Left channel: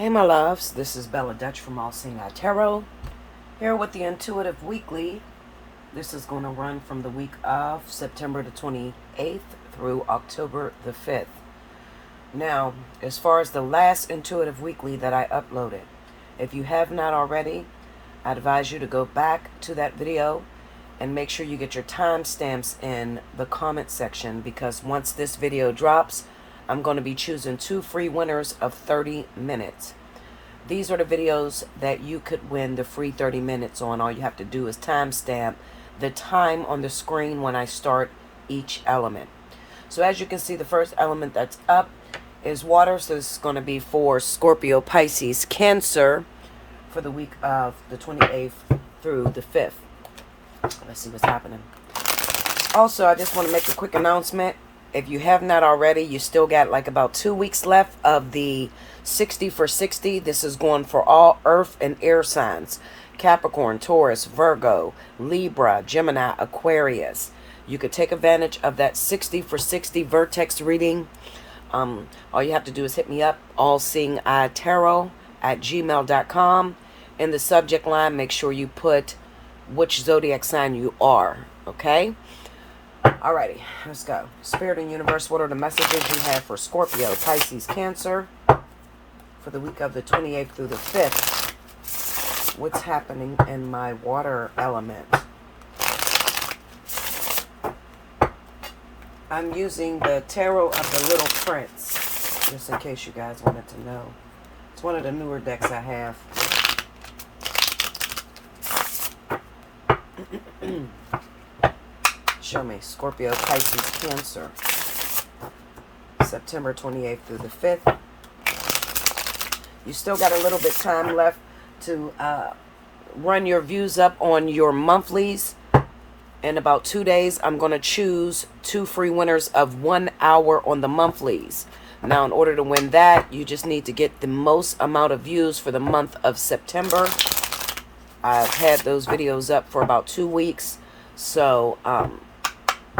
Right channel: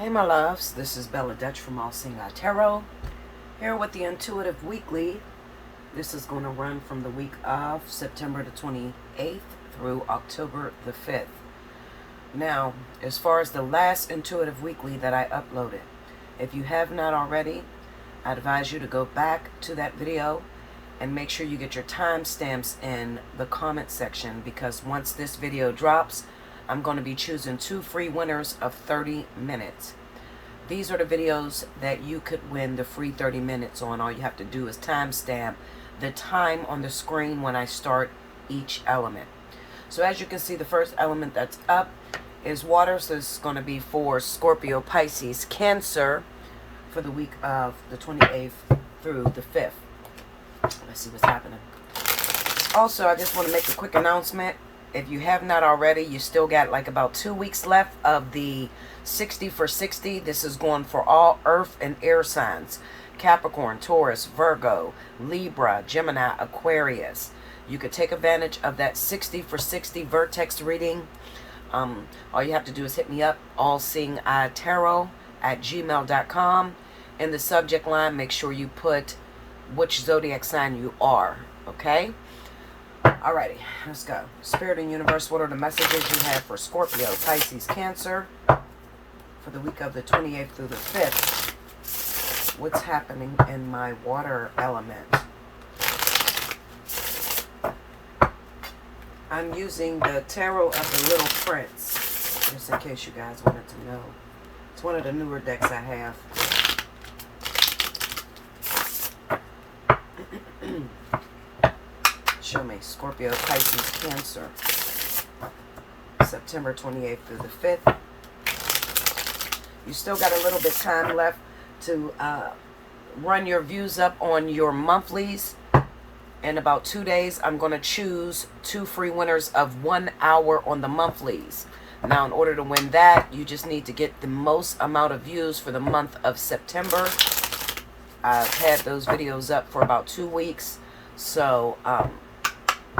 Hey my loves, this is Bella Dutch from Allseeingeyetarot, here with the Intuitive Weekly. This is going to run from the week of September the 28th through October the 5th. Now, as far as the last Intuitive Weekly that I uploaded, if you have not already, I'd advise you to go back to that video and make sure you get your timestamps in the comment section, because once this video drops, I'm going to be choosing 2 free winners of 30 minutes. These are the videos that you could win the free 30 minutes on. All you have to do is timestamp the time on the screen when I start each element. So as you can see, the first element that's up is water. So this is going to be for Scorpio, Pisces, Cancer for the week of the 28th through the 5th. Let's see what's happening. Also, I just want to make a quick announcement. If you have not already, you still got like about 2 weeks left of the 60 for 60. This is going for all earth and air signs: Capricorn, Taurus, Virgo, Libra, Gemini, Aquarius. You could take advantage of that 60 for 60 vertex reading. All you have to do is hit me up, allseeingeyetarot@gmail.com. In the subject line, make sure you put which zodiac sign you are, okay? Alrighty, let's go. Spirit and Universe, what are the messages you have for Scorpio, Pisces, Cancer for the week of the 28th through the 5th? What's happening in my water element? I'm using the Tarot of the Little Prince, just in case you guys wanted to know. It's one of the newer decks I have. Show me Scorpio, Pisces, Cancer, September 28th through the 5th. You still got a little bit time left to run your views up on your monthlies. In about 2 days, I'm going to choose 2 free winners of 1 hour on the monthlies. Now, in order to win that, you just need to get the most amount of views for the month of September. I've had those videos up for about 2 weeks, so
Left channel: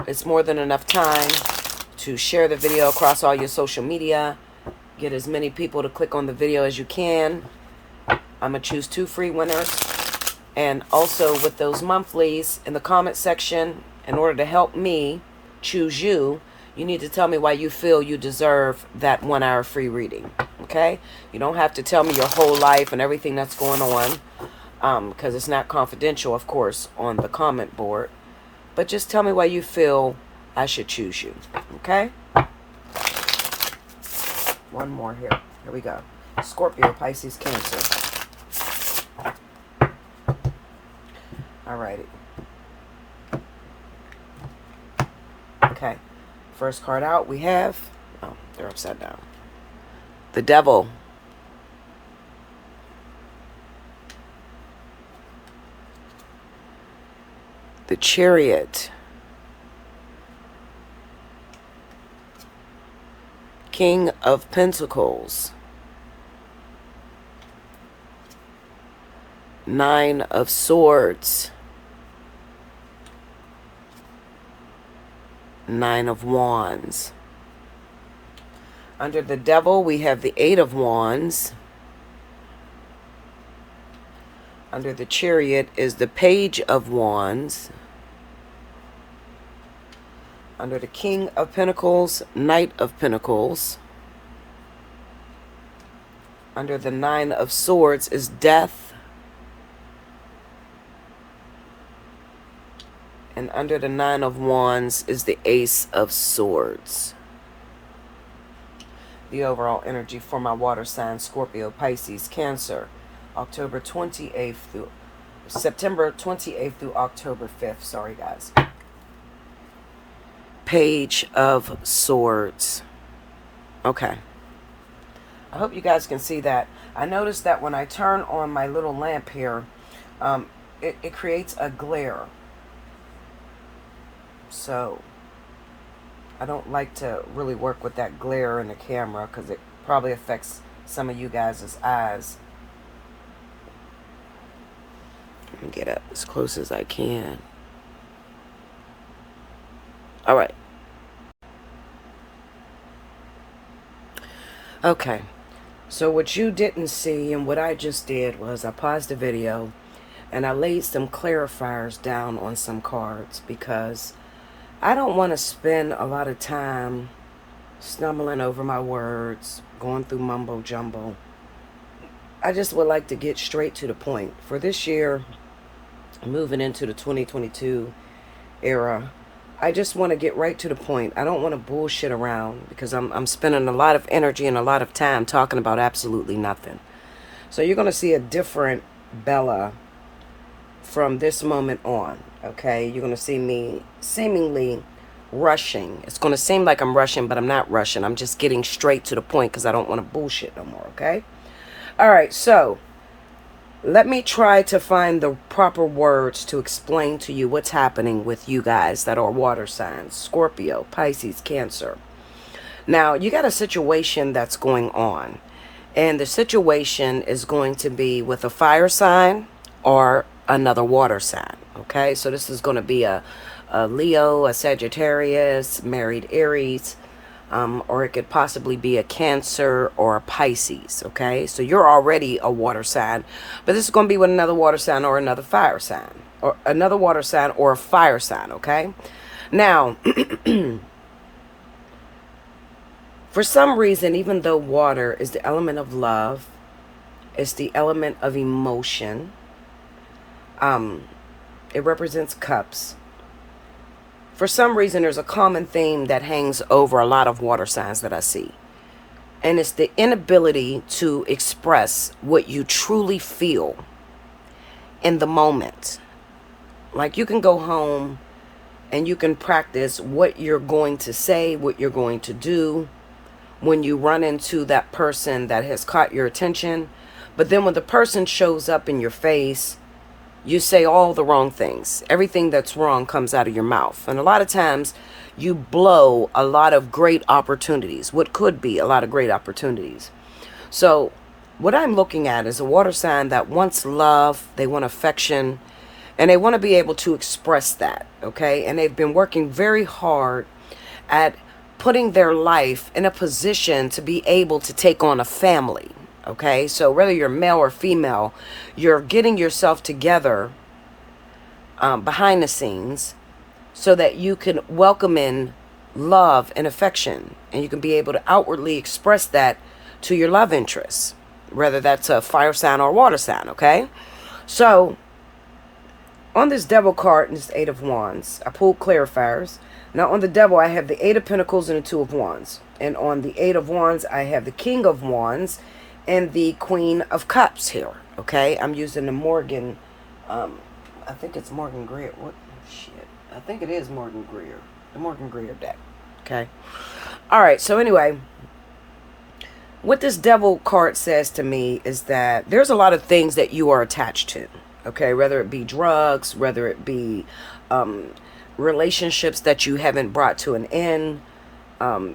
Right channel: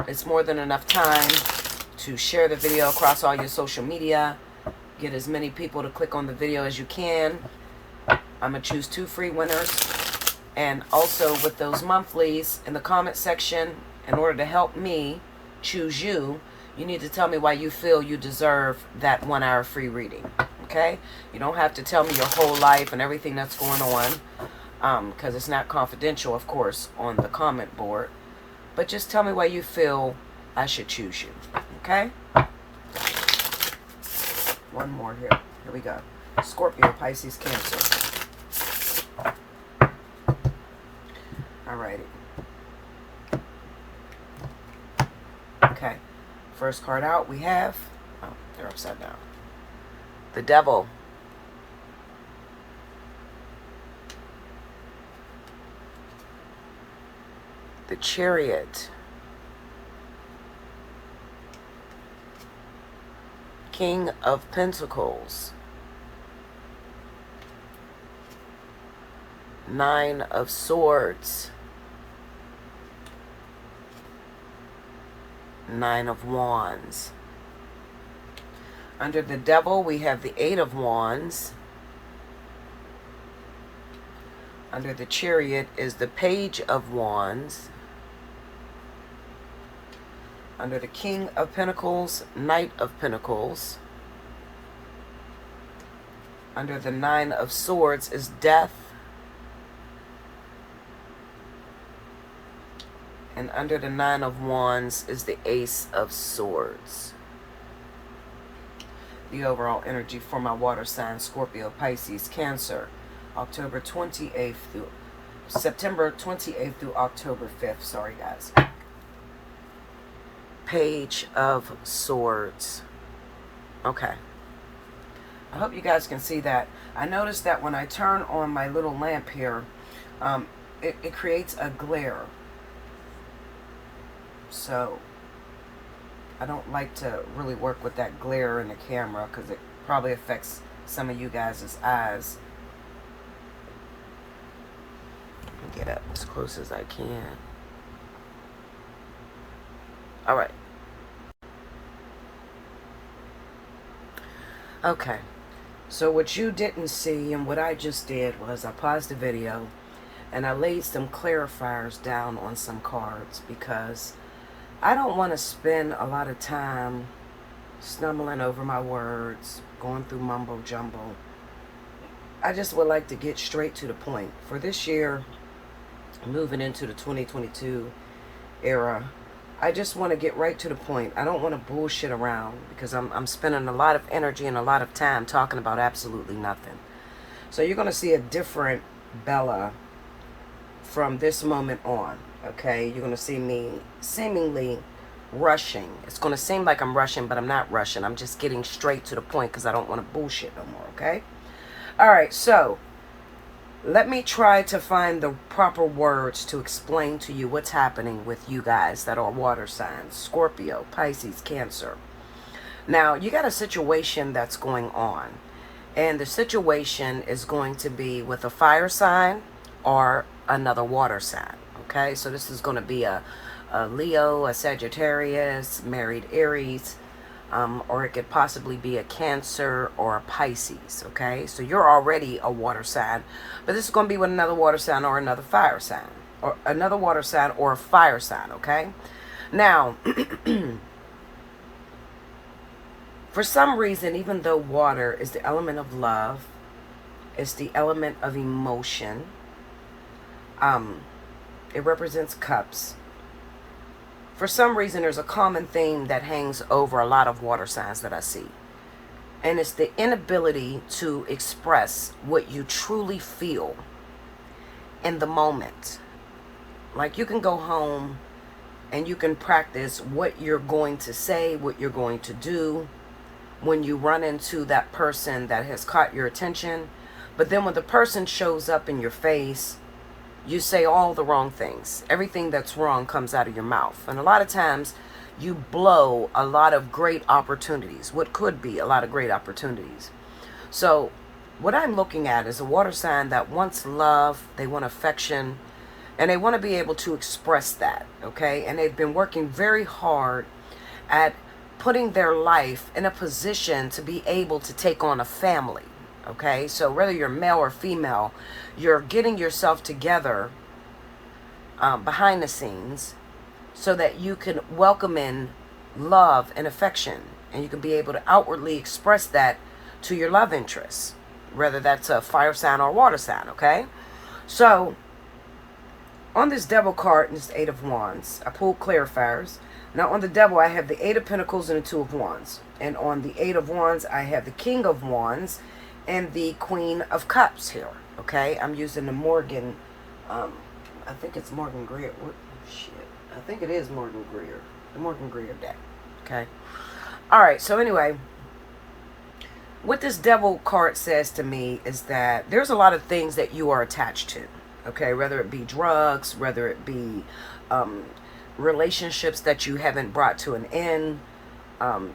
it's more than enough time to share the video across all your social media. Get as many people to click on the video as you can. I'm going to choose 2 free winners. And also with those monthlies, in the comment section, in order to help me choose you, you need to tell me why you feel you deserve that 1 hour free reading. Okay? You don't have to tell me your whole life and everything that's going on, because it's not confidential, of course, on the comment board. But just tell me why you feel I should choose you. Okay? One more here. Here we go. Scorpio, Pisces, Cancer. Alrighty. Okay. First card out we have... Oh, they're upside down. The Devil. The Chariot. King of Pentacles. 9 of Swords. 9 of Wands. Under the Devil, we have the 8 of Wands. Under the Chariot is the Page of Wands. Under the King of Pentacles, Knight of Pentacles. Under the 9 of Swords is Death. And under the 9 of Wands is the Ace of Swords. The overall energy for my water sign, Scorpio, Pisces, Cancer, September 28th through October 5th. Sorry, guys. Page of Swords. Okay. I hope you guys can see that. I noticed that when I turn on my little lamp here, it creates a glare. So I don't like to really work with that glare in the camera, because it probably affects some of you guys' eyes. Let me get up as close as I can. All right. Okay. So what you didn't see and what I just did was I paused the video and I laid some clarifiers down on some cards because I don't want to spend a lot of time stumbling over my words, going through mumbo jumbo. I just would like to get straight to the point. For this year, moving into the 2022 era, I just want to get right to the point. I don't want to bullshit around because I'm spending a lot of energy and a lot of time talking about absolutely nothing. So you're going to see a different Bella from this moment on, okay? You're going to see me seemingly rushing. It's going to seem like I'm rushing, but I'm not rushing. I'm just getting straight to the point because I don't want to bullshit no more, okay? All right, so let me try to find the proper words to explain to you what's happening with you guys that are water signs, Scorpio, Pisces, Cancer. Now, you got a situation that's going on, and the situation is going to be with a fire sign or another water sign, okay? So this is going to be a Leo, a Sagittarius, married Aries, or it could possibly be a Cancer or a Pisces, okay? So you're already a water sign, but this is going to be with another water sign or another fire sign, or another water sign or a fire sign, okay? Now, for some reason, even though water is the element of love, it's the element of emotion, it represents cups. For some reason, there's a common theme that hangs over a lot of water signs that I see. And it's the inability to express what you truly feel in the moment. Like you can go home and you can practice what you're going to say, what you're going to do when you run into that person that has caught your attention. But then when the person shows up in your face, you say all the wrong things. Everything that's wrong comes out of your mouth. And a lot of times you blow a lot of great opportunities, what could be a lot of great opportunities. So what I'm looking at is a water sign that wants love, they want affection, and they want to be able to express that, okay? And they've been working very hard at putting their life in a position to be able to take on a family. Okay, so whether you're male or female, you're getting yourself together behind the scenes so that you can welcome in love and affection, and you can be able to outwardly express that to your love interests, whether that's a fire sign or water sign, okay? So on this devil card, this 8 of Wands, I pulled clarifiers. Now on the devil, I have the 8 of Pentacles and the 2 of Wands. And on the 8 of Wands, I have the King of Wands and the Queen of Cups here, okay? I'm using the Morgan, I think it's Morgan Greer. What shit? I think it is Morgan Greer. The Morgan Greer deck, okay? All right, so anyway, what this devil card says to me is that there's a lot of things that you are attached to, okay? Whether it be drugs, whether it be relationships that you haven't brought to an end.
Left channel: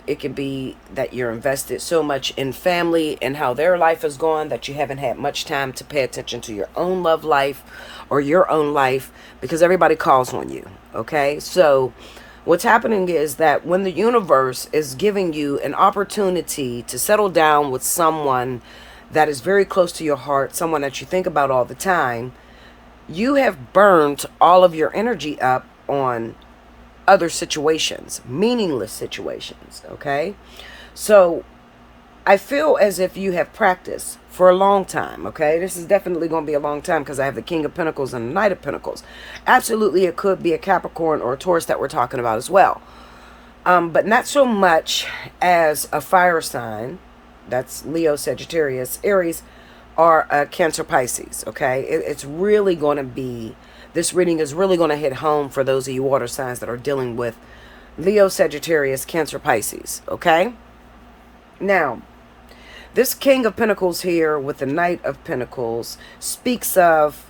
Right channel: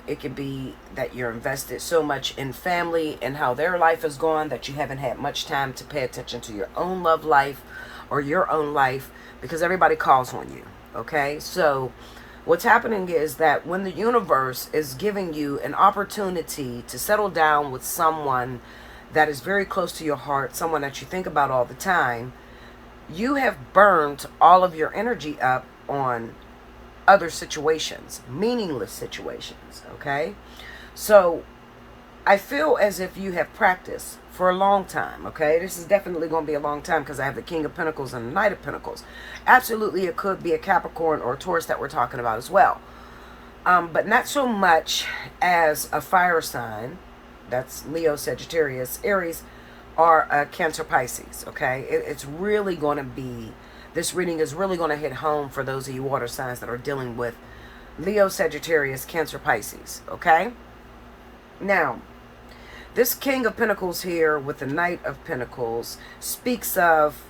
It could be that you're invested so much in family and how their life is going that you haven't had much time to pay attention to your own love life or your own life because everybody calls on you, okay? So what's happening is that when the universe is giving you an opportunity to settle down with someone that is very close to your heart, someone that you think about all the time, you have burned all of your energy up on other situations, meaningless situations, okay? So I feel as if you have practiced for a long time, okay? This is definitely going to be a long time because I have the King of Pentacles and the Knight of Pentacles. Absolutely, it could be a Capricorn or a Taurus that we're talking about as well. But not so much as a fire sign, that's Leo, Sagittarius, Aries, or a Cancer, Pisces, okay? It's really going to be, this reading is really going to hit home for those of you water signs that are dealing with Leo, Sagittarius, Cancer, Pisces, okay? Now, this King of Pentacles here with the Knight of Pentacles speaks of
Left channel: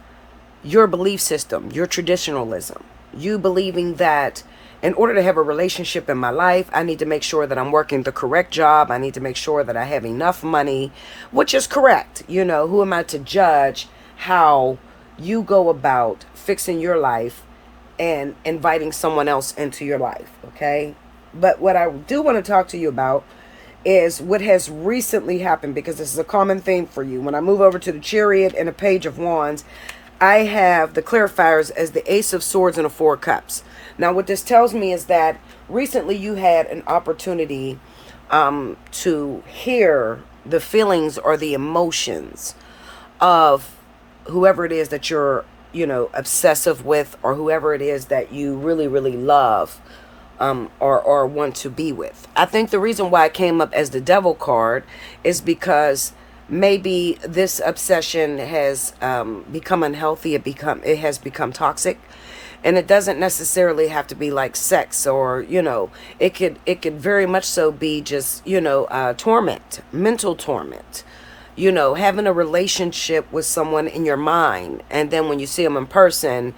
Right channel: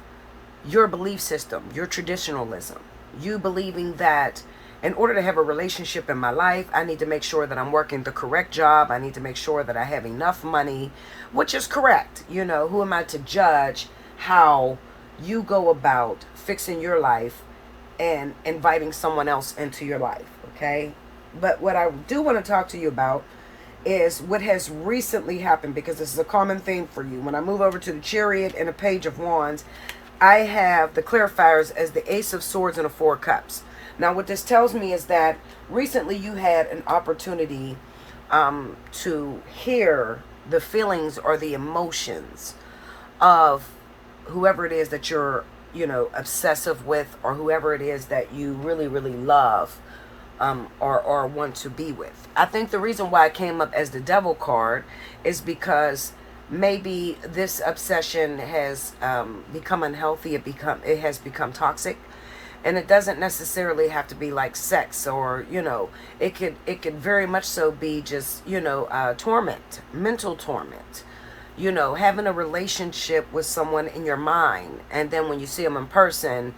your belief system, your traditionalism. You believing that in order to have a relationship in my life, I need to make sure that I'm working the correct job. I need to make sure that I have enough money, which is correct. You know, who am I to judge how you go about fixing your life and inviting someone else into your life, okay? But what I do want to talk to you about is what has recently happened, because this is a common theme for you. When I move over to the Chariot and a Page of Wands, I have the clarifiers as the Ace of Swords and the Four of Cups. Now, what this tells me is that recently you had an opportunity to hear the feelings or the emotions of whoever it is that you're, obsessive with, or whoever it is that you really, really love, or want to be with. I think the reason why it came up as the Devil card is because maybe this obsession has become unhealthy. It has become toxic, and it doesn't necessarily have to be like sex, or it could very much so be just torment, mental torment. Having a relationship with someone in your mind, and then when you see them in person,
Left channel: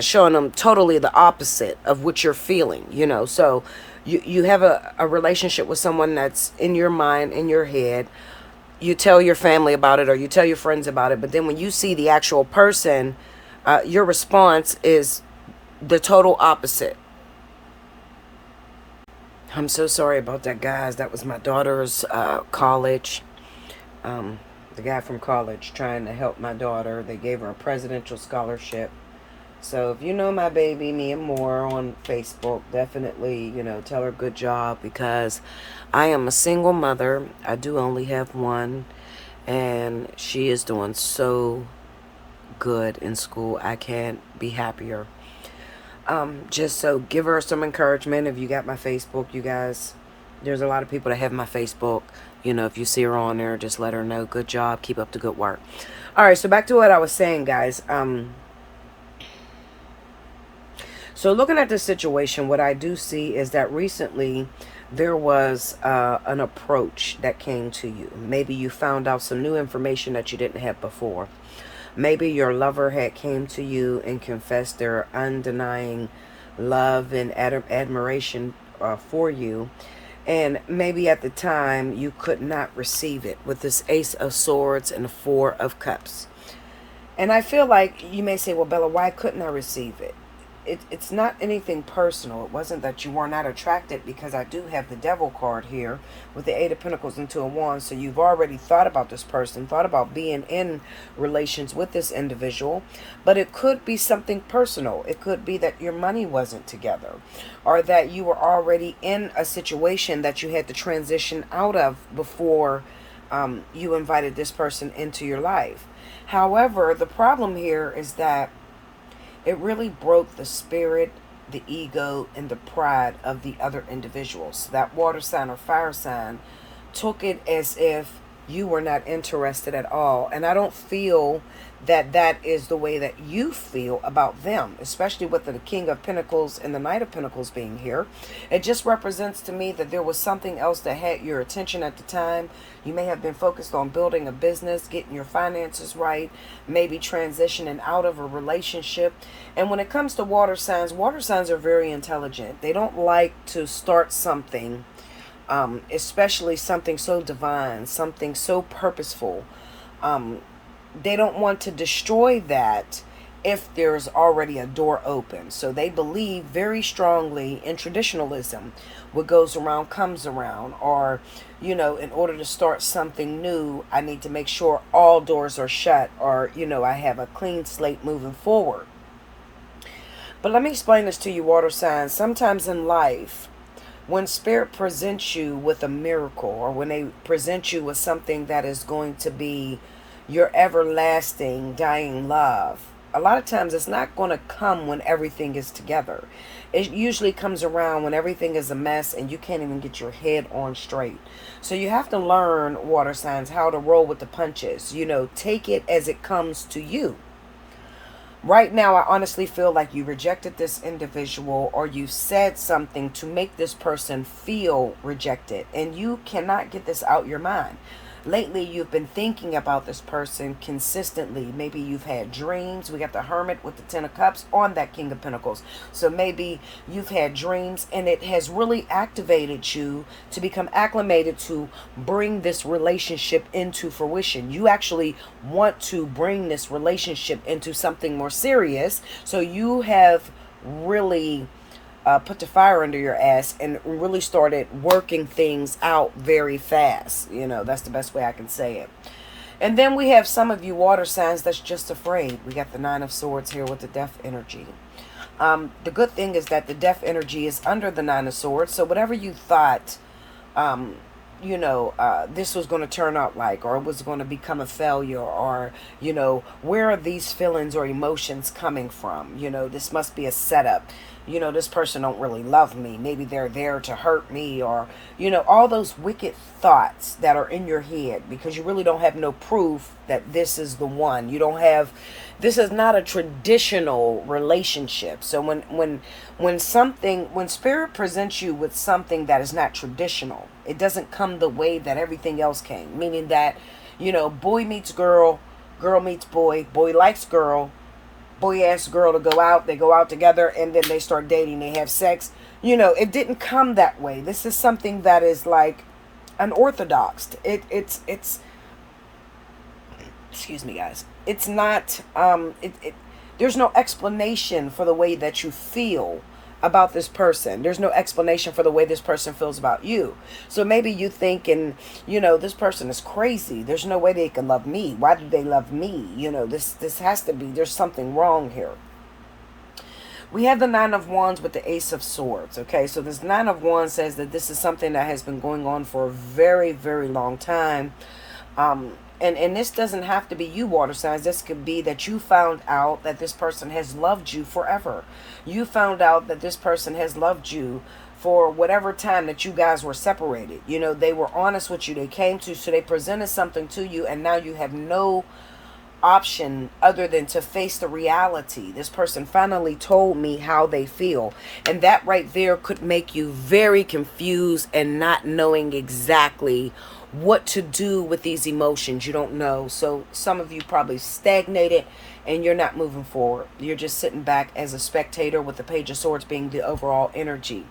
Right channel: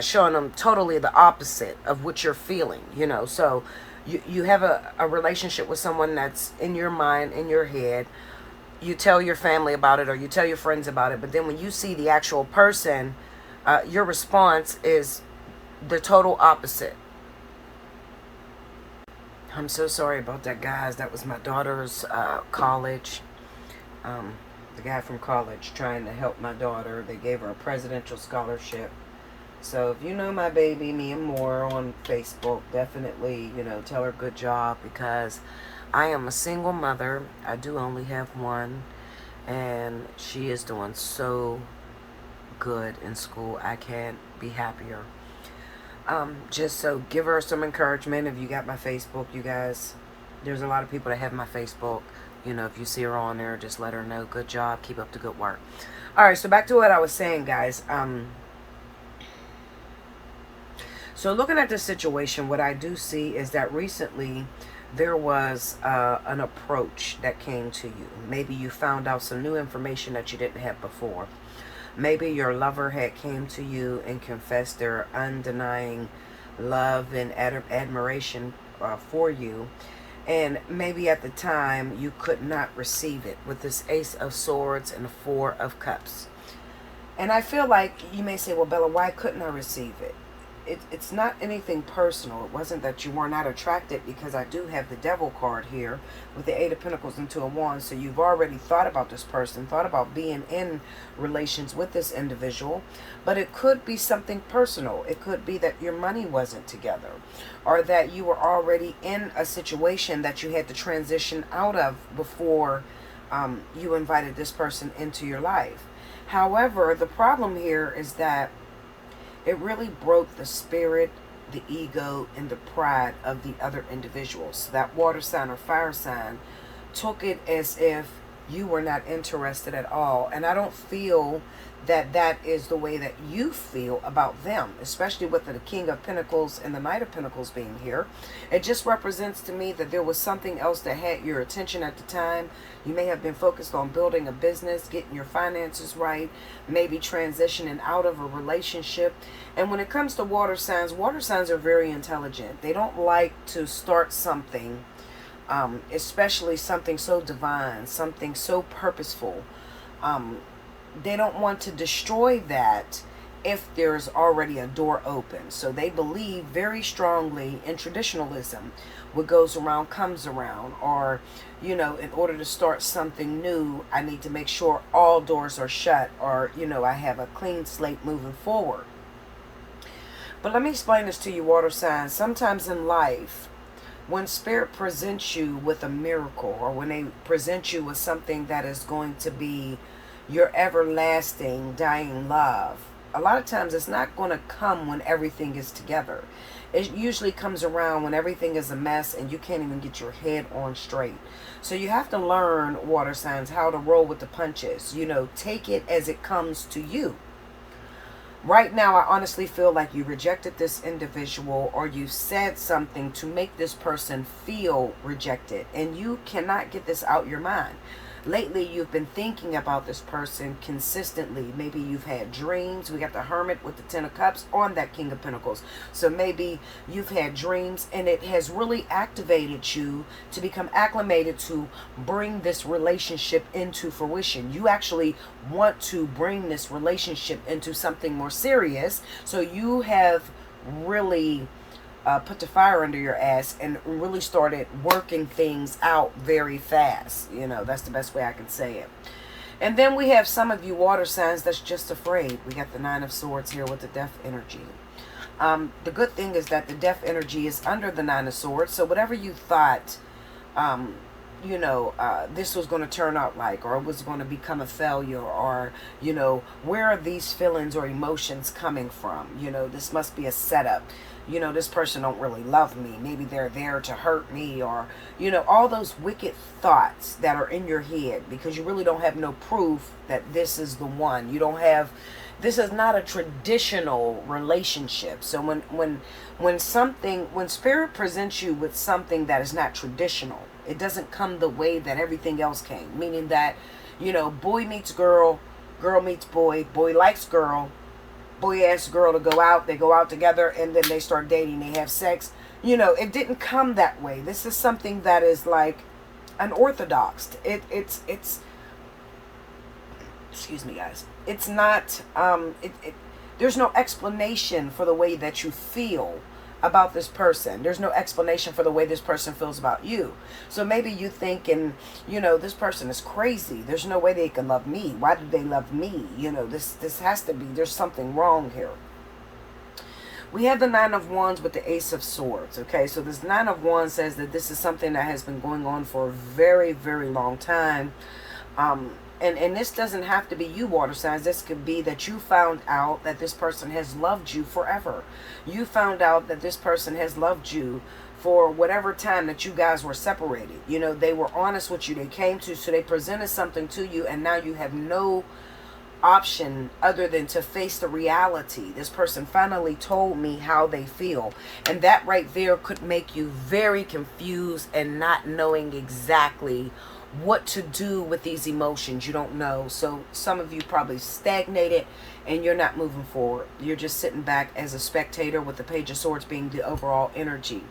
showing them totally the opposite of what you're feeling. So you have a relationship with someone that's in your mind, in your head. You tell your family about it, or you tell your friends about it, but then when you see the actual person, your response is the total opposite. I'm so sorry about that, guys. That was my daughter's college. The guy from college trying to help my daughter. They gave her a presidential scholarship. So if you know my baby, Mia Moore, on Facebook, definitely, tell her good job, because I am a single mother. I do only have one, and she is doing so good in school. I can't be happier. Just so give her some encouragement. If you got my Facebook, you guys, there's a lot of people that have my Facebook. If you see her on there, just let her know. Good job. Keep up the good work. All right, so back to what I was saying, guys. So looking at this situation, what I do see is that recently there was an approach that came to you. Maybe you found out some new information that you didn't have before. Maybe your lover had came to you and confessed their undenying love and admiration for you. And maybe at the time you could not receive it with this Ace of Swords and the Four of Cups. And I feel like you may say, well, Bella, why couldn't I receive it? It's not anything personal. It wasn't that you were not attracted, because I do have the Devil card here with the Eight of Pentacles and Two of Wands. So you've already thought about this person, thought about being in relations with this individual. But it could be something personal. It could be that your money wasn't together, or that you were already in a situation that you had to transition out of before you invited this person into your life. However, the problem here is that it really broke the spirit, the ego, and the pride of the other individuals. That water sign or fire sign took it as if you were not interested at all. And I don't feel that that is the way that you feel about them, especially with the King of Pentacles and the Knight of Pentacles being here. It just represents to me that there was something else that had your attention at the time. You may have been focused on building a business, getting your finances right, maybe transitioning out of a relationship. And when it comes to water signs are very intelligent. They don't like to start something, especially something so divine, something so purposeful. They don't want to destroy that if there's already a door open. So they believe very strongly in traditionalism. What goes around comes around. Or, in order to start something new, I need to make sure all doors are shut, or, I have a clean slate moving forward. But let me explain this to you, water signs. Sometimes in life, when Spirit presents you with a miracle, or when they present you with something that is going to be your everlasting dying love, a lot of times it's not going to come when everything is together. It usually comes around when everything is a mess and you can't even get your head on straight. So you have to learn, water signs, how to roll with the punches. Take it as it comes to you. Right now, I honestly feel like you rejected this individual, or you said something to make this person feel rejected, and you cannot get this out your mind. Lately, you've been thinking about this person consistently. Maybe you've had dreams. We got the Hermit with the Ten of Cups on that King of Pentacles. So maybe you've had dreams, and it has really activated you to become acclimated to bring this relationship into fruition. You actually want to bring this relationship into something more serious. So you have really put the fire under your ass and really started working things out very fast. You know, that's the best way I can say it. And then we have some of you water signs that's just afraid. We got the Nine of Swords here with the Death energy. The good thing is that the Death energy is under the Nine of Swords. So whatever you thought, you know, this was going to turn out like, or it was going to become a failure, or, you know, where are these feelings or emotions coming from? You know, this must be a setup. You know, this person don't really love me. Maybe they're there to hurt me, or, you know, all those wicked thoughts that are in your head because you really don't have no proof that this is the one. You don't have, this is not a traditional relationship. So when Spirit presents you with something that is not traditional, it doesn't come the way that everything else came. Meaning that, you know, boy meets girl, girl meets boy, boy likes girl, boy asks girl to go out, they go out together, and then they start dating, they have sex. You know, it didn't come that way. This is something that is like unorthodox. It's excuse me, guys. It's not, there's no explanation for the way that you feel about this person. There's no explanation for the way this person feels about you. So maybe you thinking, you know, this person is crazy. There's no way they can love me. Why do they love me? You know, this has to be, there's something wrong here. We have the Nine of Wands with the Ace of Swords. Okay, so this Nine of Wands says that this is something that has been going on for a very, very long time. And this doesn't have to be you, water signs. This could be that you found out that this person has loved you forever. You found out that this person has loved you for whatever time that you guys were separated. You know, they were honest with you. They came to, so they presented something to you, and now you have no option other than to face the reality. This person finally told me how they feel, and that right there could make you very confused and not knowing exactly what to do with these emotions. You don't know. So some of you probably stagnated and you're not moving forward. You're just sitting back as a spectator, with the Page of Swords being the overall energy.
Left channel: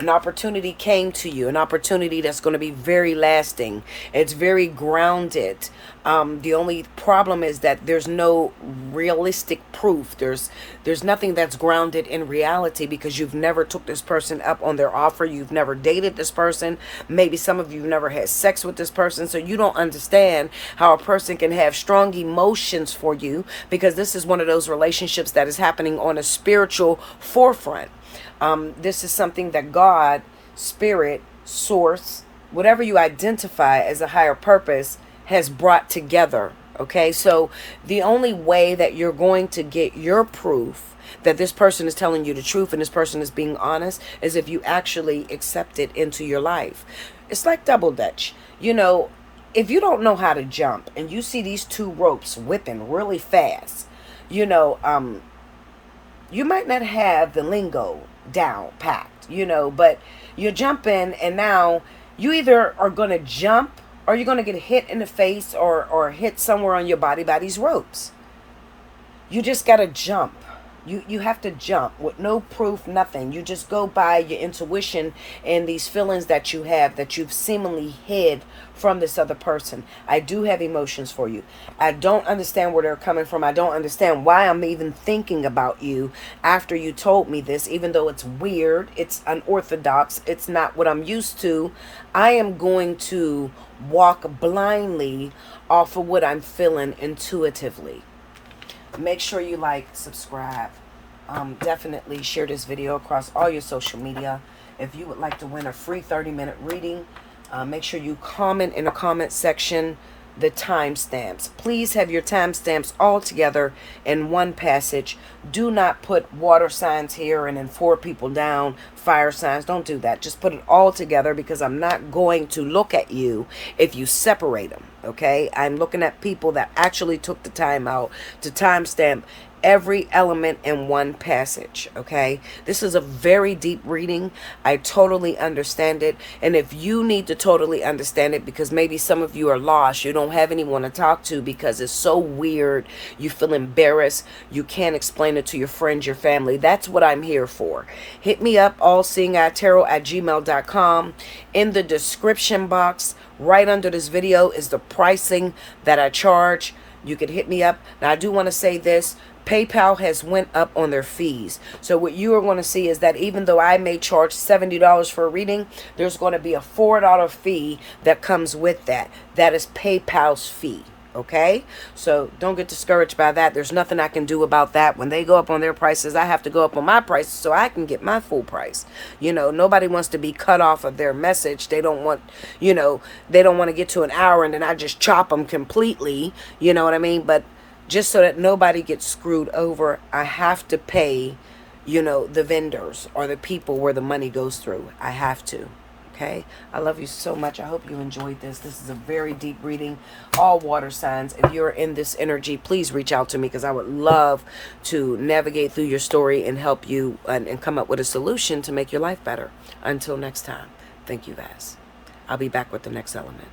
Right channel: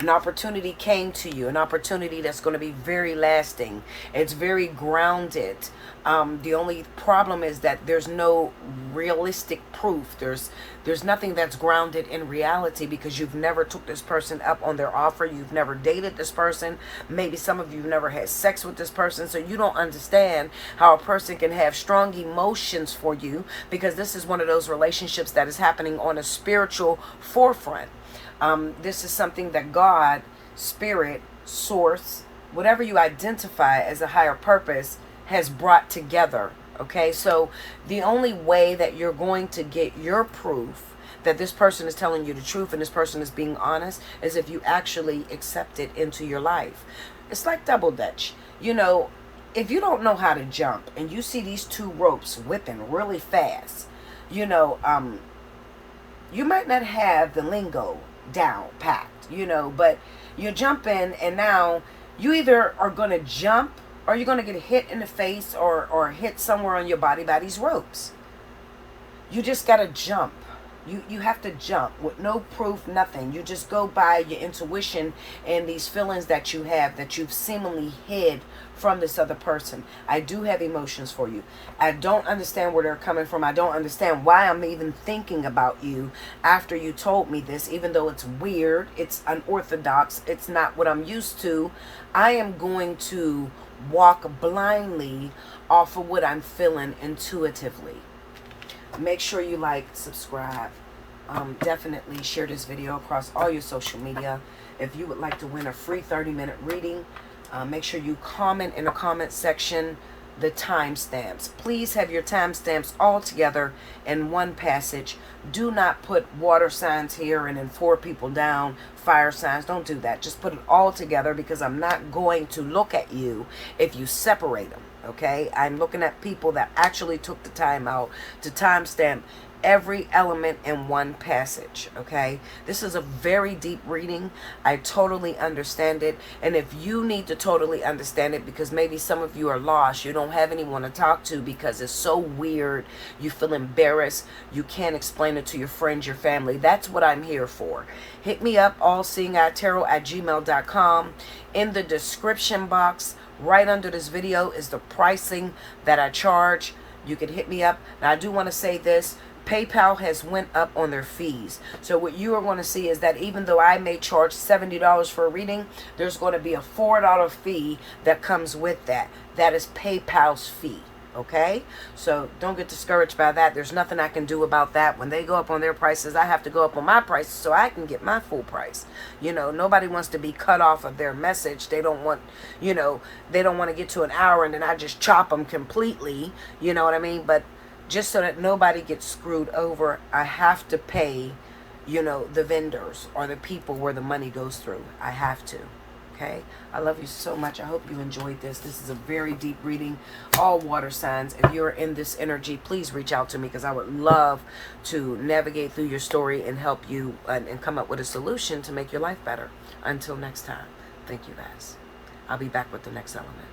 An opportunity came to you, an opportunity that's going to be very lasting. It's very grounded. The only problem is that there's no realistic proof. There's nothing that's grounded in reality, because you've never took this person up on their offer. You've never dated this person. Maybe some of you never had sex with this person. So you don't understand how a person can have strong emotions for you, because this is one of those relationships that is happening on a spiritual forefront. This is something that God, Spirit, Source, whatever you identify as a higher purpose, has brought together. Okay, so the only way that you're going to get your proof that this person is telling you the truth and this person is being honest is if you actually accept it into your life. It's like double dutch. You know, if you don't know how to jump and you see these two ropes whipping really fast, you know, you might not have the lingo down packed, you know, but you're jumping, and now you either are going to jump or you're going to get hit in the face or hit somewhere on your body by these ropes. You just got to jump. You have to jump with no proof, nothing. You just go by your intuition and these feelings that you have that you've seemingly hid from this other person. I do have emotions for you. I don't understand where they're coming from. I don't understand why I'm even thinking about you after you told me this, even though it's weird, it's unorthodox, it's not what I'm used to. I am going to walk blindly off of what I'm feeling intuitively. Make sure you like, subscribe. Definitely share this video across all your social media. If you would like to win a free 30-minute reading, make sure you comment in the comment section the timestamps. Please have your timestamps all together in one passage. Do not put water signs here and then 4 people down, fire signs. Don't do that. Just put it all together, because I'm not going to look at you if you separate them. Okay, I'm looking at people that actually took the time out to timestamp every element in one passage. Okay, this is a very deep reading. I totally understand it, and if you need to totally understand it, because maybe some of you are lost, you don't have anyone to talk to because it's so weird, you feel embarrassed, you can't explain it to your friends, your family, that's what I'm here for. Hit me up, allseeingeyetarot@gmail.com. In the description box right under this video is the pricing that I charge. You can hit me up. Now, I do want to say this: PayPal has went up on their fees. So what you are going to see is that even though I may charge $70 for a reading, there's going to be a $4 fee that comes with that. That is PayPal's fee. Okay, so don't get discouraged by that. There's nothing I can do about that. When they go up on their prices, I have to go up on my prices so I can get my full price. You know, nobody wants to be cut off of their message. They don't want, you know, they don't want to get to an hour and then I just chop them completely. You know what I mean? But just so that nobody gets screwed over, I have to pay, you know, the vendors or the people where the money goes through. I have to. Okay, I love you so much. I hope you enjoyed this. This is a very deep reading. All water signs. If you're in this energy, please reach out to me because I would love to navigate through your story and help you and come up with a solution to make your life better. Until next time, thank you guys. I'll be back with the next element.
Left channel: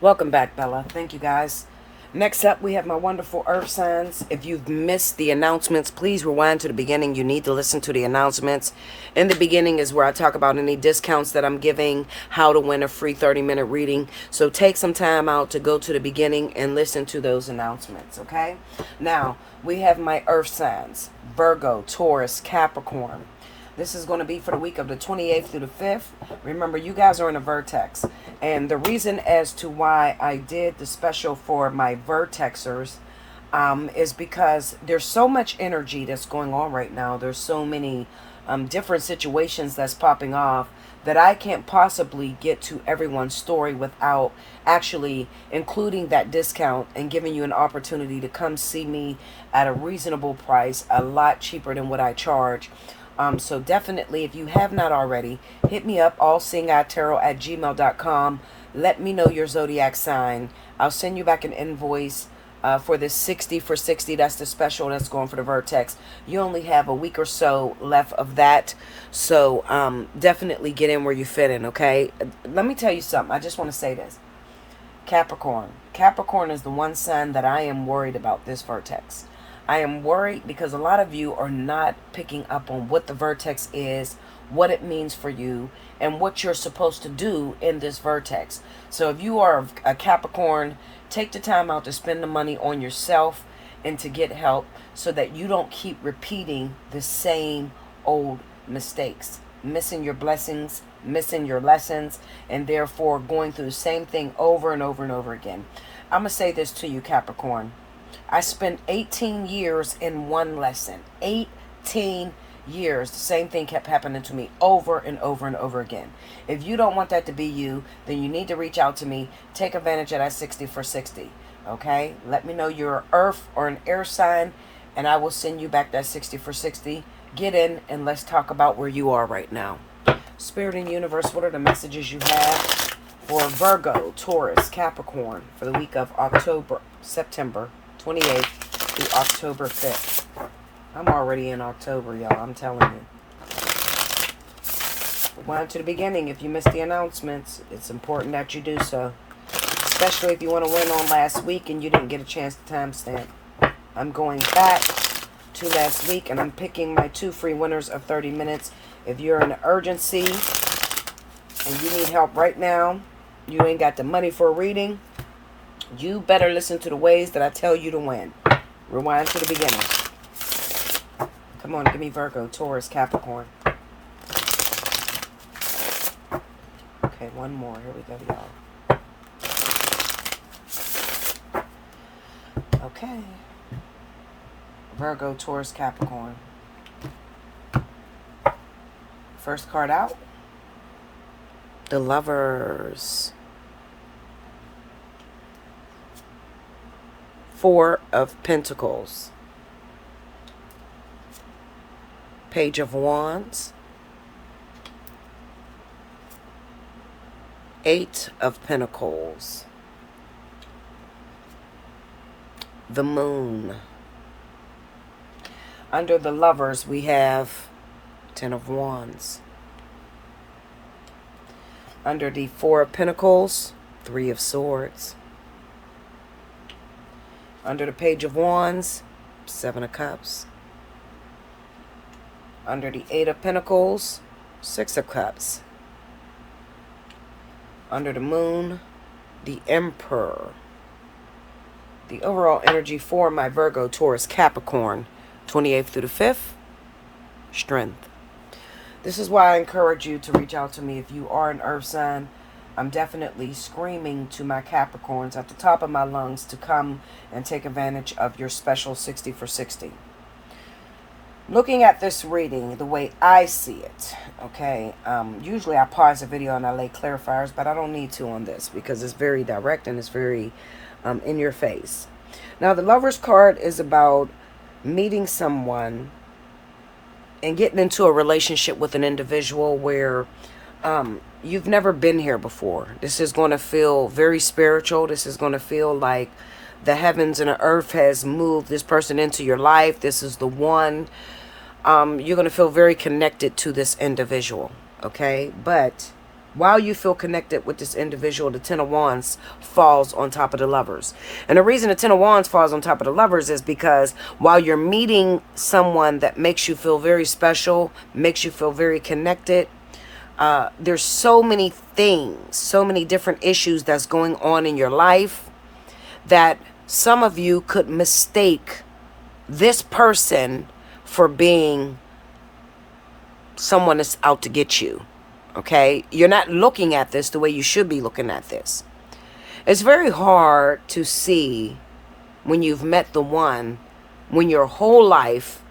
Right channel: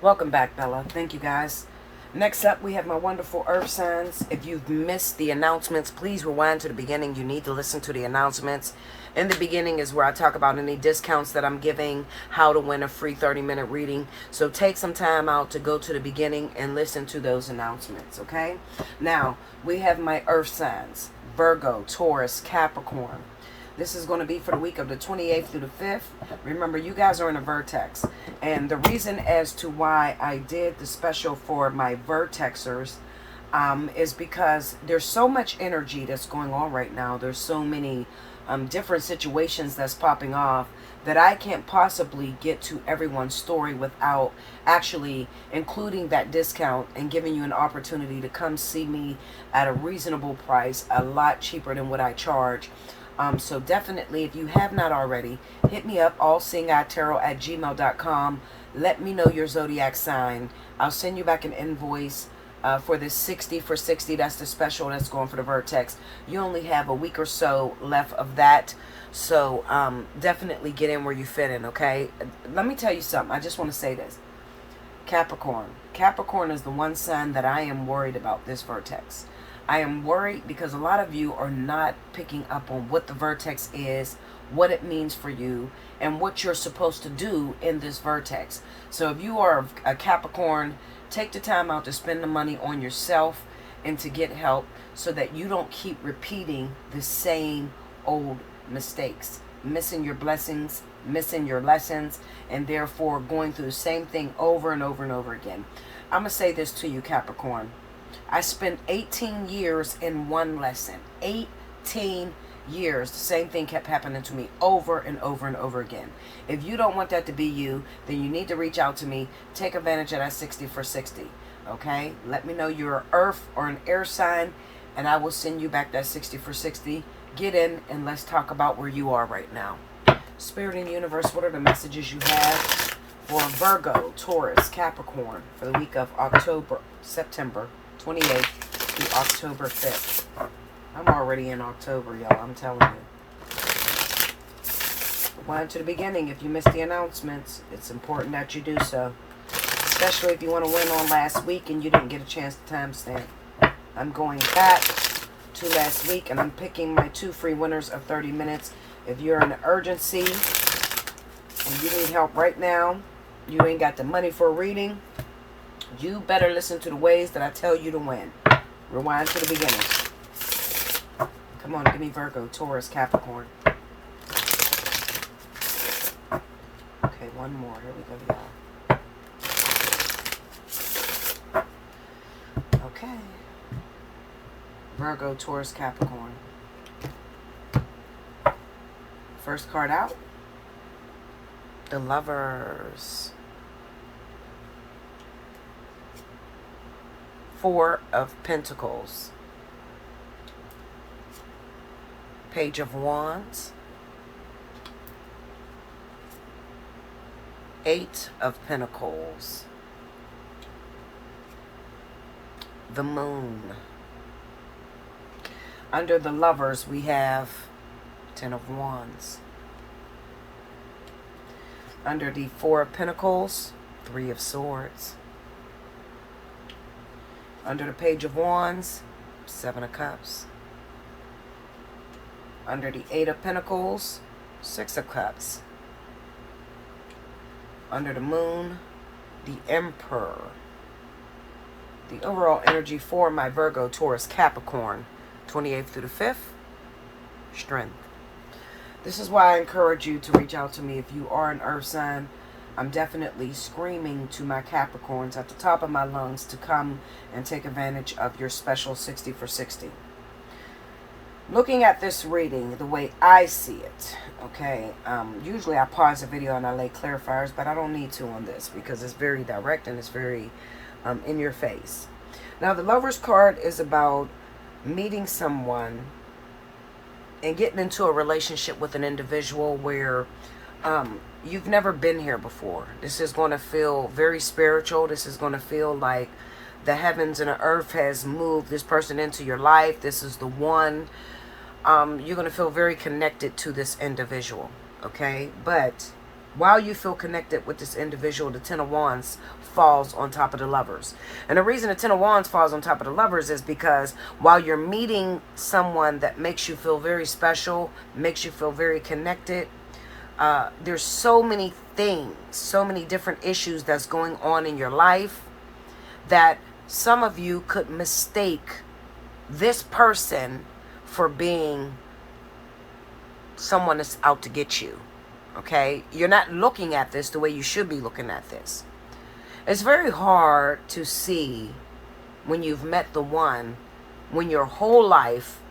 Welcome back, Bella. Thank you guys. Next up, we have my wonderful earth signs. If you've missed the announcements, please rewind to the beginning. You need to listen to the announcements. In the beginning is where I talk about any discounts that I'm giving, how to win a free 30-minute reading. So take some time out to go to the beginning and listen to those announcements, okay? Now, we have my earth signs: Virgo, Taurus, Capricorn. This is going to be for the week of the 28th through the 5th. Remember, you guys are in a vertex. And the reason as to why I did the special for my vertexers is because there's so much energy that's going on right now. There's so many different situations that's popping off that I can't possibly get to everyone's story without actually including that discount and giving you an opportunity to come see me at a reasonable price, a lot cheaper than what I charge. So definitely, if you have not already, hit me up, allseeingeyetarot@gmail.com. Let me know your zodiac sign. I'll send you back an invoice for this 60 for 60. That's the special that's going for the Vertex. You only have a week or so left of that. So definitely get in where you fit in, okay? Let me tell you something. I just want to say this. Capricorn. Capricorn is the one sign that I am worried about this Vertex. I am worried because a lot of you are not picking up on what the Vertex is, what it means for you, and what you're supposed to do in this Vertex. So if you are a Capricorn, take the time out to spend the money on yourself and to get help so that you don't keep repeating the same old mistakes, missing your blessings, missing your lessons, and therefore going through the same thing over and over and over again. I'm going to say this to you, Capricorn. I spent 18 years in one lesson. 18 years. The same thing kept happening to me over and over and over again. If you don't want that to be you, then you need to reach out to me. Take advantage of that 60 for 60. Okay? Let me know you're earth or an air sign, and I will send you back that 60 for 60. Get in and let's talk about where you are right now. Spirit and universe, what are the messages you have for Virgo, Taurus, Capricorn for the week of September 28th through October 5th. I'm already in October, y'all. I'm telling you. Rewind to the beginning. If you missed the announcements, it's important that you do so. Especially if you want to win on last week and you didn't get a chance to timestamp. I'm going back to last week and I'm picking my 2 free winners of 30 minutes. If you're in an urgency and you need help right now, you ain't got the money for a reading, you better listen to the ways that I tell you to win. Rewind to the beginning. Come on, give me Virgo, Taurus, Capricorn. Okay, one more. Here we go, y'all. Okay. Virgo, Taurus, Capricorn. First card out. The Lovers. 4 of Pentacles. Page of Wands. 8 of Pentacles. The Moon. Under the Lovers, we have 10 of Wands. Under the 4 of Pentacles, 3 of Swords. Under the Page of Wands, 7 of Cups. Under the 8 of Pentacles, 6 of Cups. Under the Moon, the Emperor. The overall energy for my Virgo, Taurus, Capricorn, 28th through the 5th, strength. This is why I encourage you to reach out to me if you are an earth sign. I'm definitely screaming to my Capricorns at the top of my lungs to come and take advantage of your special 60 for 60. Looking at this reading the way I see it, okay, usually I pause the video and I lay clarifiers, but I don't need to on this because it's very direct and it's very in your face. Now, the Lover's card is about meeting someone and getting into a relationship with an individual where you've never been here before. This is going to feel very spiritual. This is going to feel like the heavens and the earth has moved this person into your life. This is the one. You're going to feel very connected to this individual, okay? But while you feel connected with this individual, the Ten of Wands falls on top of the Lovers. And the reason the Ten of Wands falls on top of the Lovers is because while you're meeting someone that makes you feel very special, makes you feel very connected, there's so many things, so many different issues that's going on in your life that some of you could mistake this person for being someone that's out to get you. Okay, you're not looking at this the way you should be looking at this. It's very hard to see when you've met the one, when your whole life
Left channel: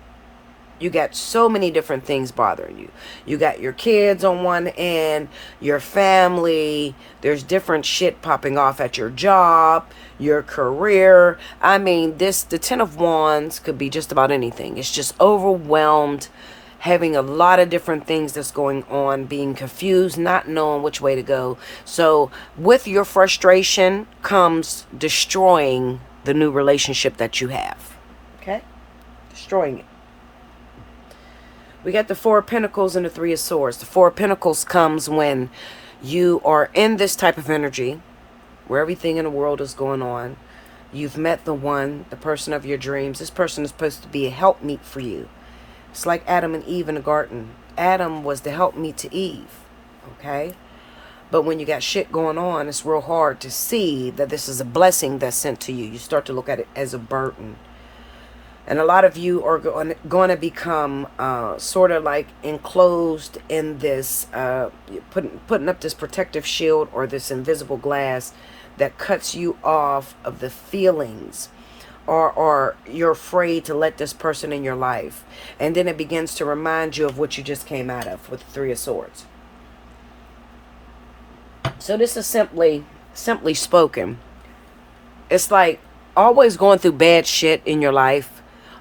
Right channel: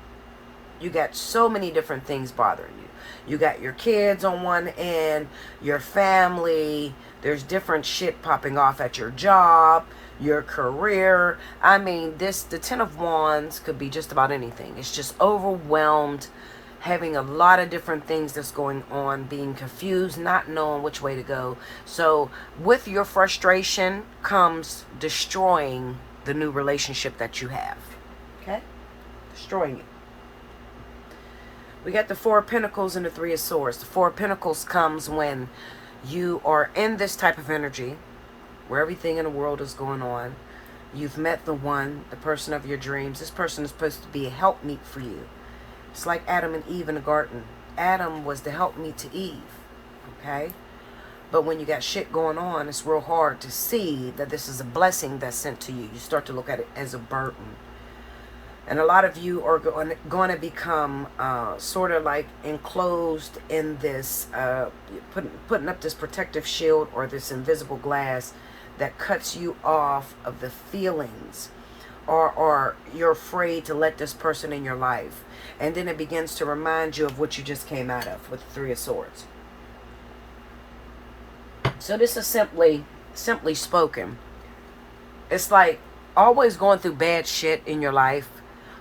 you got so many different things bothering you. You got your kids on one end, your family, there's different shit popping off at your job, your career. I mean, the Ten of Wands could be just about anything. It's just overwhelmed, having a lot of different things that's going on, being confused, not knowing which way to go. So with your frustration comes destroying the new relationship that you have. Okay? Destroying it. We got the Four of Pentacles and the Three of Swords. The Four of Pentacles comes when you are in this type of energy where everything in the world is going on. You've met the one, the person of your dreams. This person is supposed to be a helpmeet for you. It's like Adam and Eve in the garden. Adam was the helpmeet to Eve, okay? But when you got shit going on, it's real hard to see that this is a blessing that's sent to you. You start to look at it as a burden. And a lot of you are going to become sort of like enclosed in this, putting up this protective shield or this invisible glass that cuts you off of the feelings, or you're afraid to let this person in your life. And then it begins to remind you of what you just came out of with the Three of Swords. So this is simply spoken. It's like always going through bad shit in your life.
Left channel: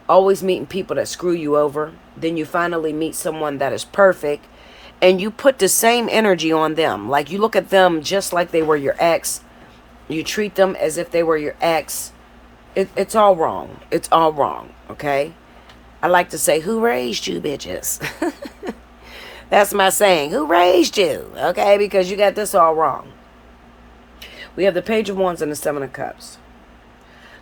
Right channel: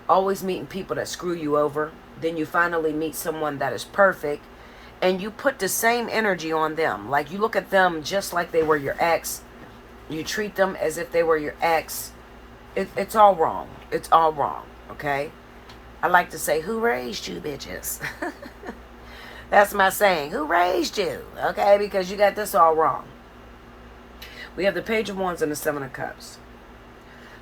Always meeting people that screw you over. Then you finally meet someone that is perfect. And you put the same energy on them. Like you look at them just like they were your ex. You treat them as if they were your ex. It's all wrong. It's all wrong. Okay? I like to say, who raised you, bitches? That's my saying. Who raised you? Okay? Because you got this all wrong. We have the Page of Wands and the Seven of Cups.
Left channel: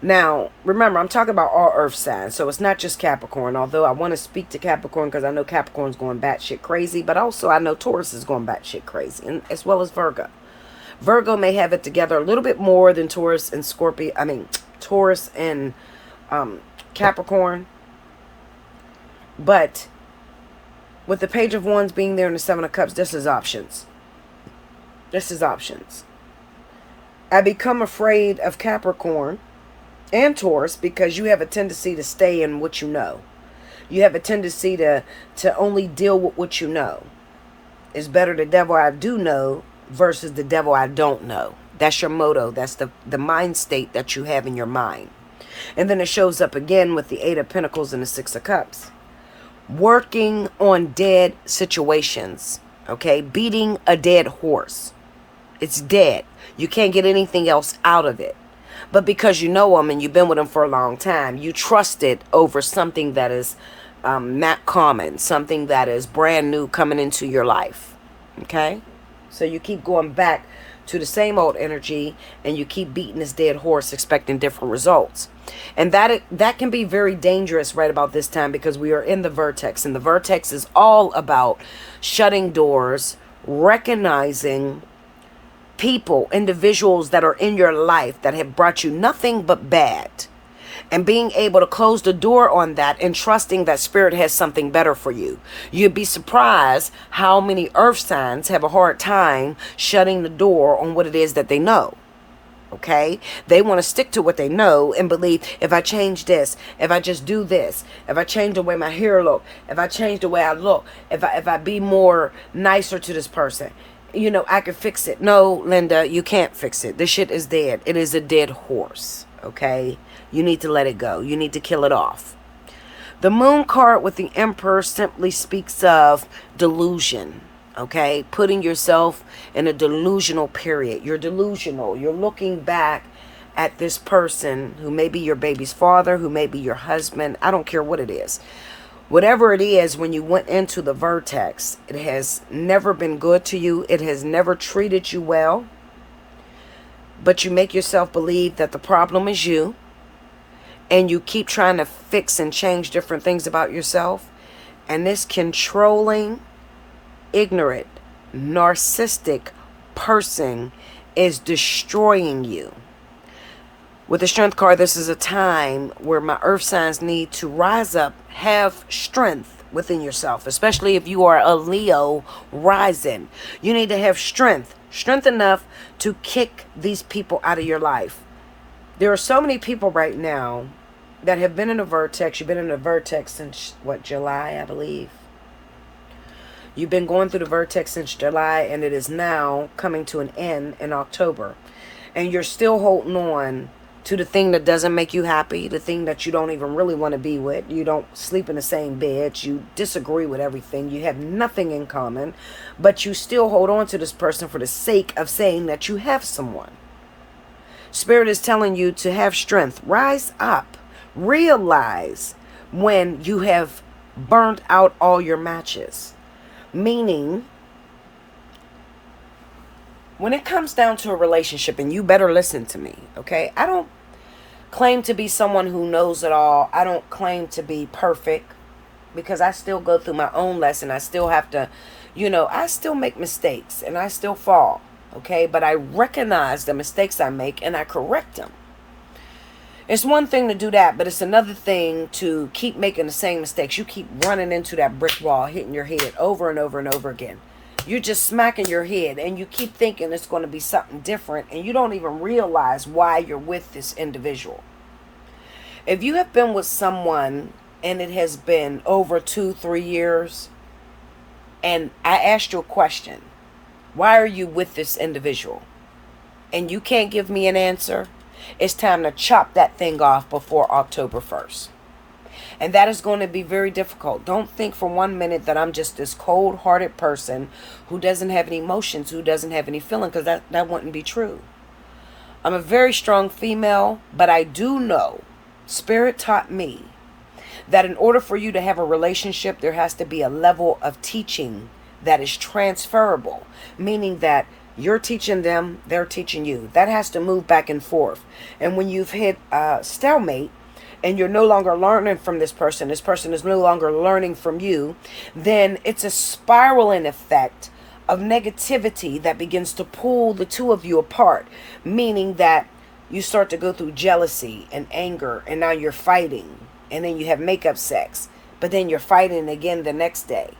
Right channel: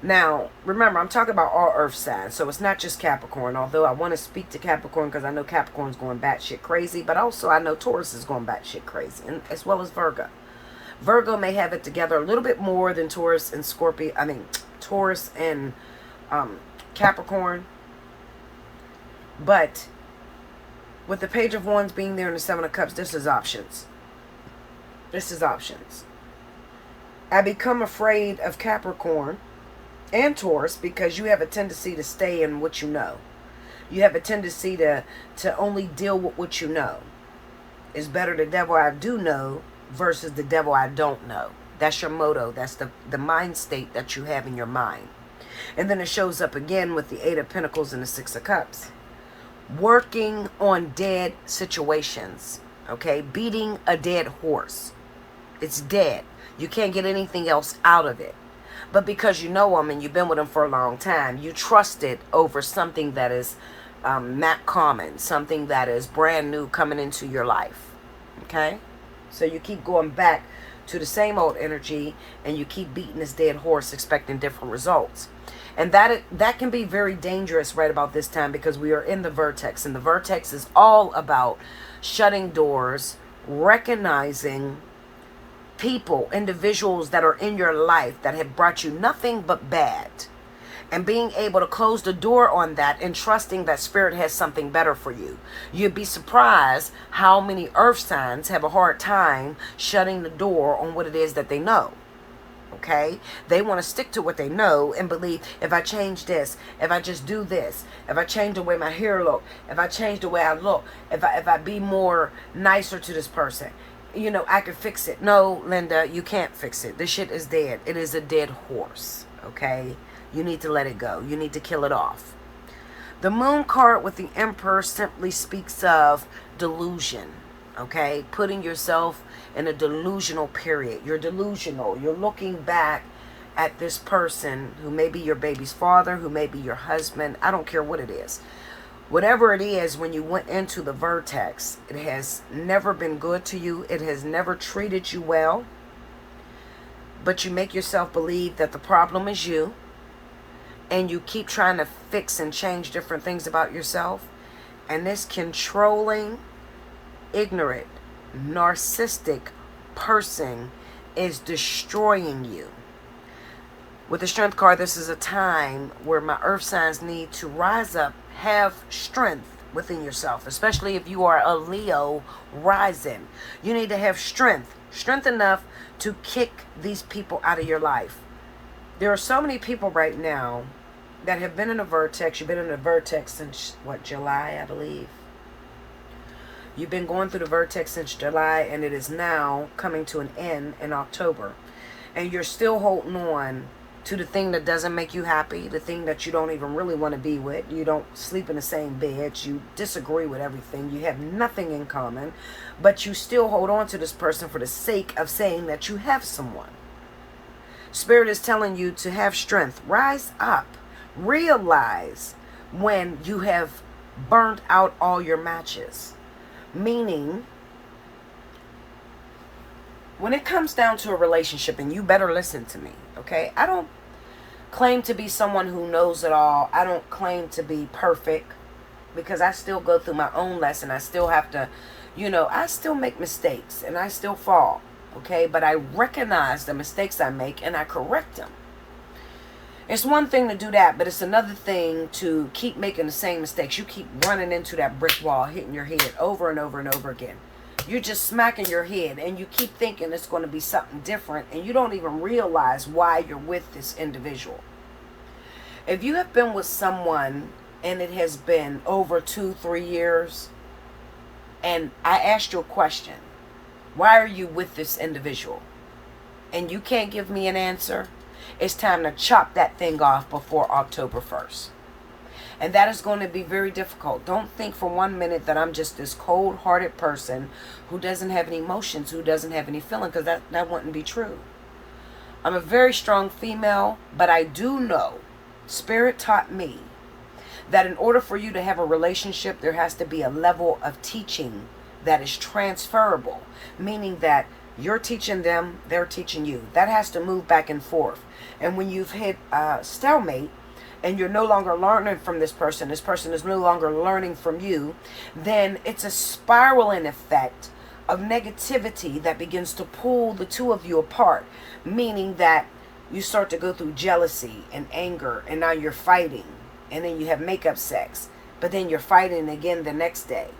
Now, remember, I'm talking about all earth signs, so it's not just Capricorn, although I want to speak to Capricorn because I know Capricorn's going batshit crazy, but also I know Taurus is going batshit crazy, and as well as Virgo. Virgo may have it together a little bit more than Taurus and Scorpio, Taurus and Capricorn, but with the Page of Wands being there and the Seven of Cups, this is options. This is options. I become afraid of Capricorn and Taurus because you have a tendency to stay in what you know. You have a tendency to only deal with what you know. It's better the devil I do know versus the devil I don't know. That's your motto. That's the mind state that you have in your mind. And then it shows up again with the Eight of Pentacles and the Six of Cups. Working on dead situations. Okay? Beating a dead horse. It's dead. You can't get anything else out of it. But because you know them and you've been with them for a long time, you trust it over something that is not common, something that is brand new coming into your life. Okay? So you keep going back to the same old energy and you keep beating this dead horse expecting different results. And that can be very dangerous right about this time because we are in the vertex. And the vertex is all about shutting doors, recognizing people, individuals that are in your life that have brought you nothing but bad, and being able to close the door on that and trusting that spirit has something better for you. You'd be surprised how many earth signs have a hard time shutting the door on what it is that they know. Okay, they want to stick to what they know and believe, if I change this, if I just do this, if I change the way my hair look, if I change the way I look, if I be more nicer to this person, you know, I can fix it. No, Linda, you can't fix it. This shit is dead. It is a dead horse. Okay, you need to let it go. You need to kill it off. The moon card with the Emperor simply speaks of delusion. Okay, putting yourself in a delusional period. You're delusional. You're looking back at this person who may be your baby's father, who may be your husband. I don't care what it is. Whatever it is, when you went into the vertex, it has never been good to you. It has never treated you well. But you make yourself believe that the problem is you. And you keep trying to fix and change different things about yourself. And this controlling, ignorant, narcissistic person is destroying you. With the Strength card, this is a time where my earth signs need to rise up, have strength within yourself, especially if you are a Leo rising. You need to have strength enough to kick these people out of your life. There are so many people right now that have been in a vertex. You've been in a vertex since, what, July, I believe. You've been going through the vertex since July, and it is now coming to an end in October. And you're still holding on to the thing that doesn't make you happy, the thing that you don't even really want to be with. You don't sleep in the same bed. You disagree with everything. You have nothing in common. But you still hold on to this person for the sake of saying that you have someone. Spirit is telling you to have strength. Rise up. Realize when you have burnt out all your matches. Meaning, when it comes down to a relationship, and you better listen to me, okay? I don't claim to be someone who knows it all. I don't claim to be perfect, because I still go through my own lesson. I still have to, you know, I still make mistakes and I still fall, okay? But I recognize the mistakes I make and I correct them. It's one thing to do that, but it's another thing to keep making the same mistakes. You keep running into that brick wall, hitting your head over and over and over again. You're just smacking your head, and you keep thinking it's going to be something different, and you don't even realize why you're with this individual. If you have been with someone, and it has been over 2-3 years, and I asked you a question, why are you with this individual? And you can't give me an answer. It's time to chop that thing off before October 1st. And that is going to be very difficult. Don't think for 1 minute that I'm just this cold-hearted person who doesn't have any emotions, who doesn't have any feeling, because that wouldn't be true. I'm a very strong female, but I do know, Spirit taught me, that in order for you to have a relationship, there has to be a level of teaching that is transferable, meaning that you're teaching them, they're teaching you. That has to move back and forth. And when you've hit stalemate and you're no longer learning from this person is no longer learning from you, then it's a spiraling effect of negativity that begins to pull the two of you apart, meaning that you start to go through jealousy and anger, and now you're fighting, and then you have makeup sex, but then you're fighting again the next day.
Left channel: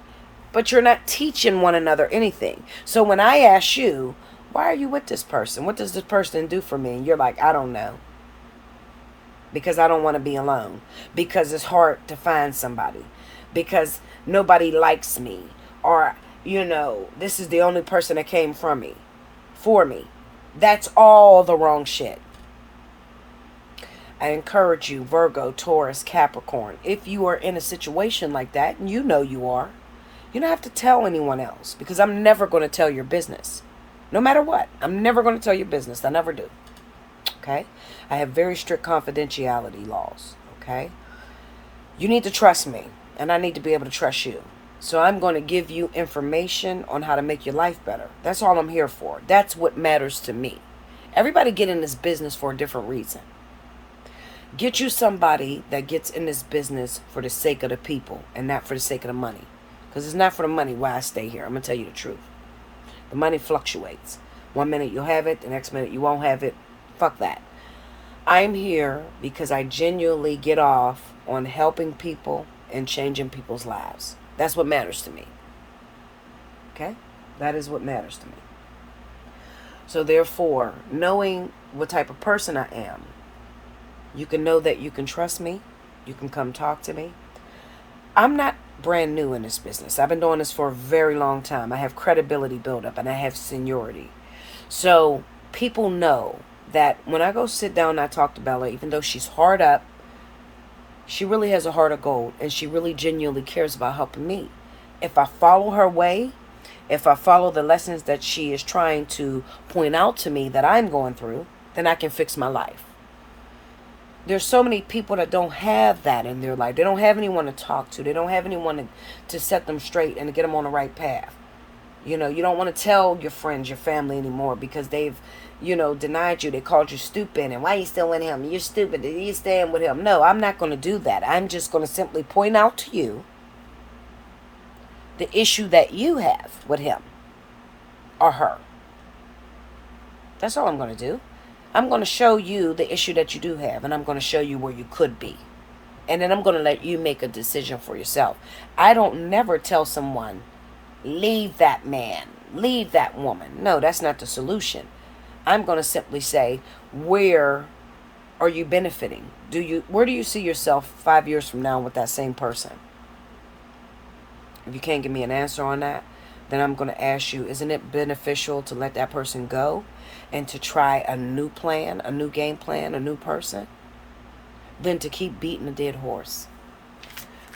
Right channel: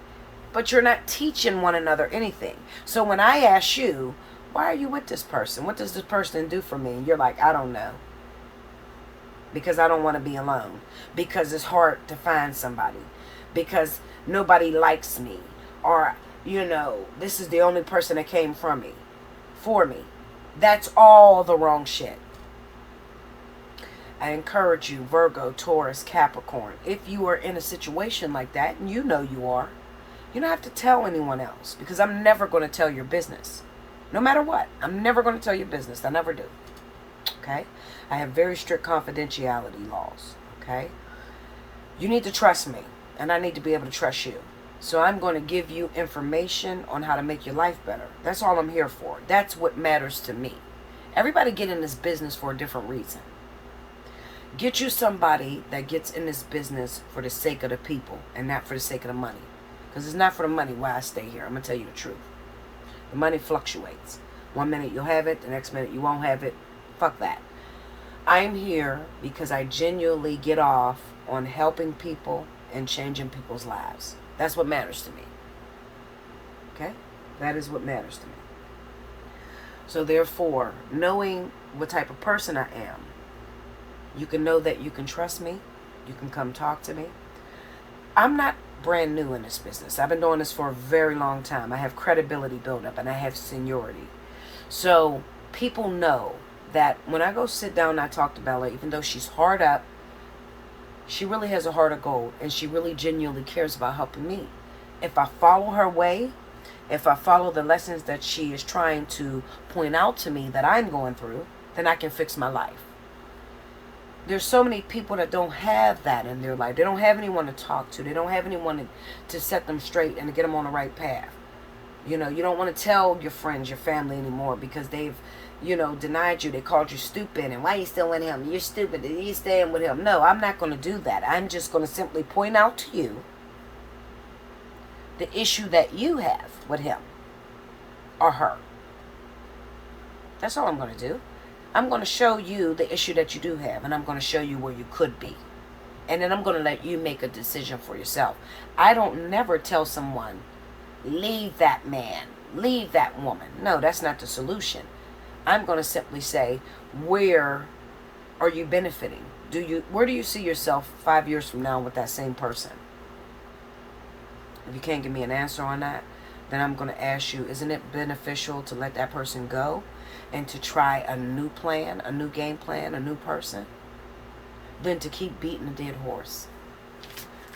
But you're not teaching one another anything. So when I ask you, why are you with this person? What does this person do for me? And you're like, I don't know. Because I don't want to be alone. Because it's hard to find somebody. Because nobody likes me. Or, you know, this is the only person that came from me. For me. That's all the wrong shit. I encourage you, Virgo, Taurus, Capricorn, if you are in a situation like that, and you know you are, you don't have to tell anyone else, because I'm never going to tell your business. No matter what. I'm never going to tell your business. I never do. Okay? I have very strict confidentiality laws. Okay? You need to trust me, and I need to be able to trust you. So I'm going to give you information on how to make your life better. That's all I'm here for. That's what matters to me. Everybody get in this business for a different reason. Get you somebody that gets in this business for the sake of the people and not for the sake of the money. Because it's not for the money why I stay here. I'm going to tell you the truth. The money fluctuates. One minute you'll have it, the next minute you won't have it. Fuck that. I'm here because I genuinely get off on helping people and changing people's lives. That's what matters to me. Okay? That is what matters to me. So therefore, knowing what type of person I am, you can know that you can trust me. You can come talk to me. I'm not brand new in this business. I've been doing this for a very long time. I have credibility built up and I have seniority. So people know that when I go sit down and I talk to Bella, even though she's hard up, she really has a heart of gold and she really genuinely cares about helping me. If I follow her way, if I follow the lessons that she is trying to point out to me that I'm going through, then I can fix my life. There's so many people that don't have that in their life. They don't have anyone to talk to. They don't have anyone to set them straight and to get them on the right path. You know, you don't want to tell your friends, your family anymore because they've, denied you. They called you stupid. And why are you still with him? You're stupid. You're staying with him. No, I'm not going to do that. I'm just going to simply point out to you the issue that you have with him or her. That's all I'm going to do. I'm going to show you the issue that you do have, and I'm going to show you where you could be. And then I'm going to let you make a decision for yourself. I don't never tell someone, leave that man, leave that woman. No, that's not the solution. I'm going to simply say, where are you benefiting? Where do you see yourself 5 years from now with that same person? If you can't give me an answer on that, then I'm going to ask you, isn't it beneficial to let that person go and to try a new plan, a new game plan, a new person, than to keep beating a dead horse?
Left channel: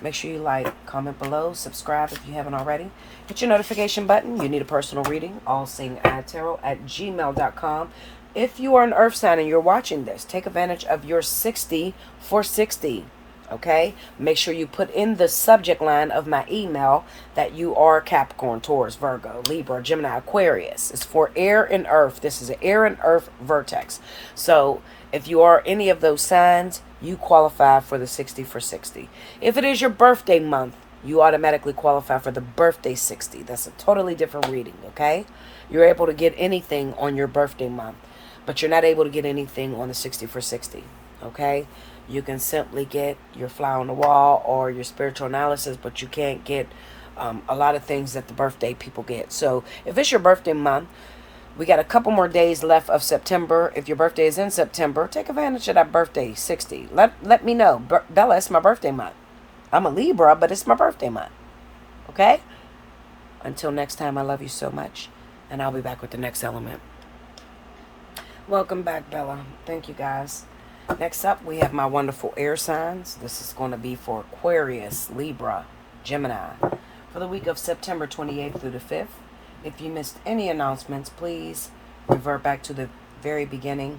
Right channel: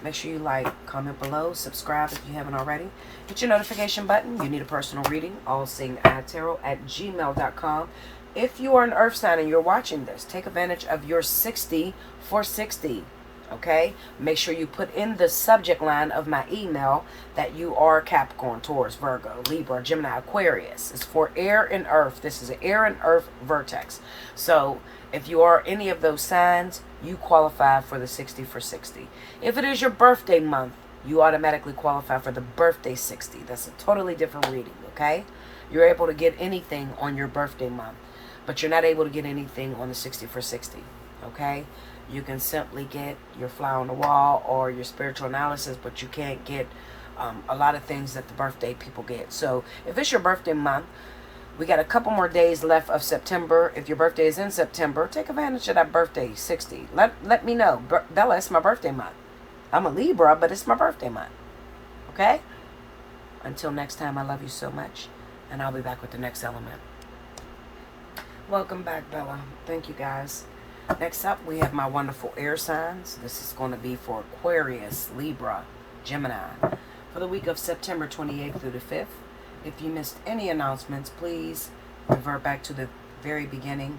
Make sure you like, comment below, subscribe if you haven't already. Hit your notification button. You need a personal reading, Allseeingeyetarot at gmail.com. If you are an earth sign and you're watching this, take advantage of your 60 for 60. Okay, make sure you put in the subject line of my email that you are Capricorn, Taurus, Virgo, Libra, Gemini, Aquarius. It's for air and earth. This is an air and earth vertex. So if you are any of those signs, you qualify for the 60 for 60. If it is your birthday month, you automatically qualify for the birthday 60. That's a totally different reading, okay? You're able to get anything on your birthday month, but you're not able to get anything on the 60 for 60, okay? You can simply get your fly on the wall or your spiritual analysis, but you can't get a lot of things that the birthday people get. So if it's your birthday month, we got a couple more days left of September. If your birthday is in September, take advantage of that birthday 60. Let me know. Bella, it's my birthday month. I'm a Libra, but it's my birthday month. Okay? Until next time, I love you so much. And I'll be back with the next element. Welcome back, Bella. Thank you, guys. Next up, we have my wonderful air signs. This is going to be for Aquarius, Libra, Gemini, for the week of September 28th through the 5th. If you missed any announcements, please revert back to the very beginning.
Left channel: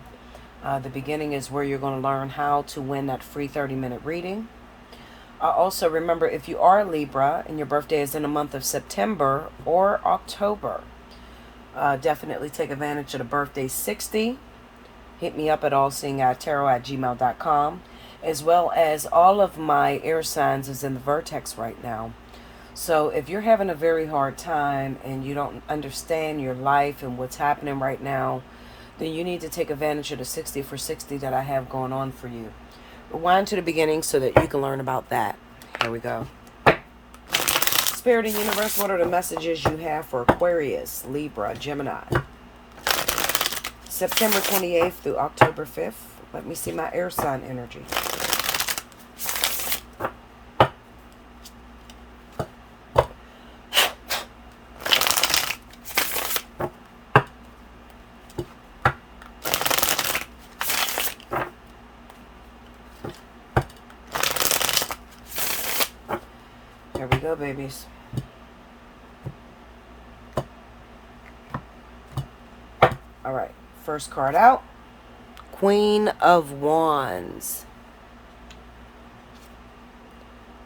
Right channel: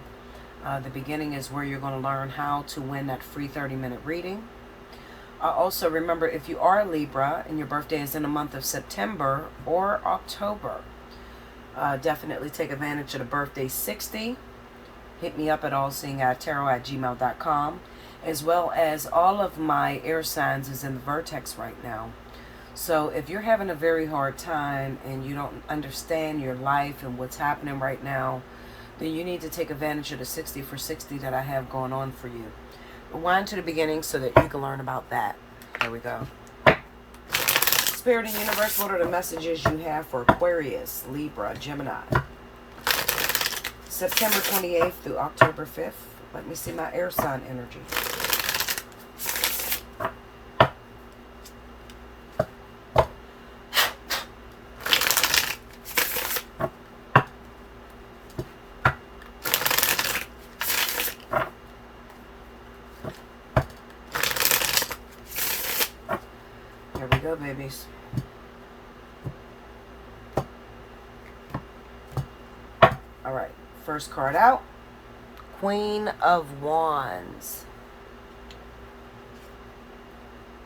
The beginning is where you're going to learn how to win that free 30-minute reading. Also, remember, if you are a Libra and your birthday is in the month of September or October, definitely take advantage of the birthday 60. Hit me up at Allseeingeyetarot at gmail.com, as well as all of my air signs is in the vertex right now. So if you're having a very hard time and you don't understand your life and what's happening right now, then you need to take advantage of the 60 for 60 that I have going on for you. Rewind to the beginning so that you can learn about that. Here we go. Spirit and Universe, what are the messages you have for Aquarius, Libra, Gemini? September 28th through October 5th. Let me see my air sign energy. Here we go, babies. All right. First card out, Queen of Wands,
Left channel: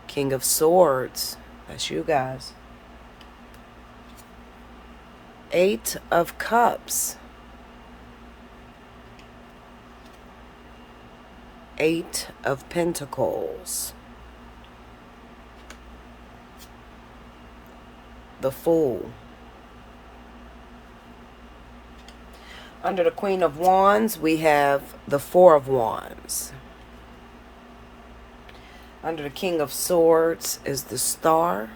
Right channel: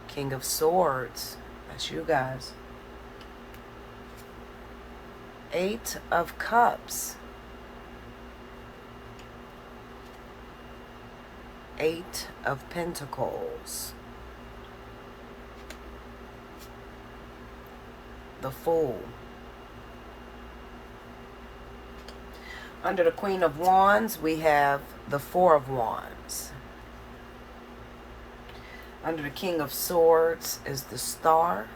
King of Swords, that's you guys, Eight of Cups, Eight of Pentacles, the Fool, Under the Queen of Wands, we have the Four of Wands. Under the King of Swords is the Star.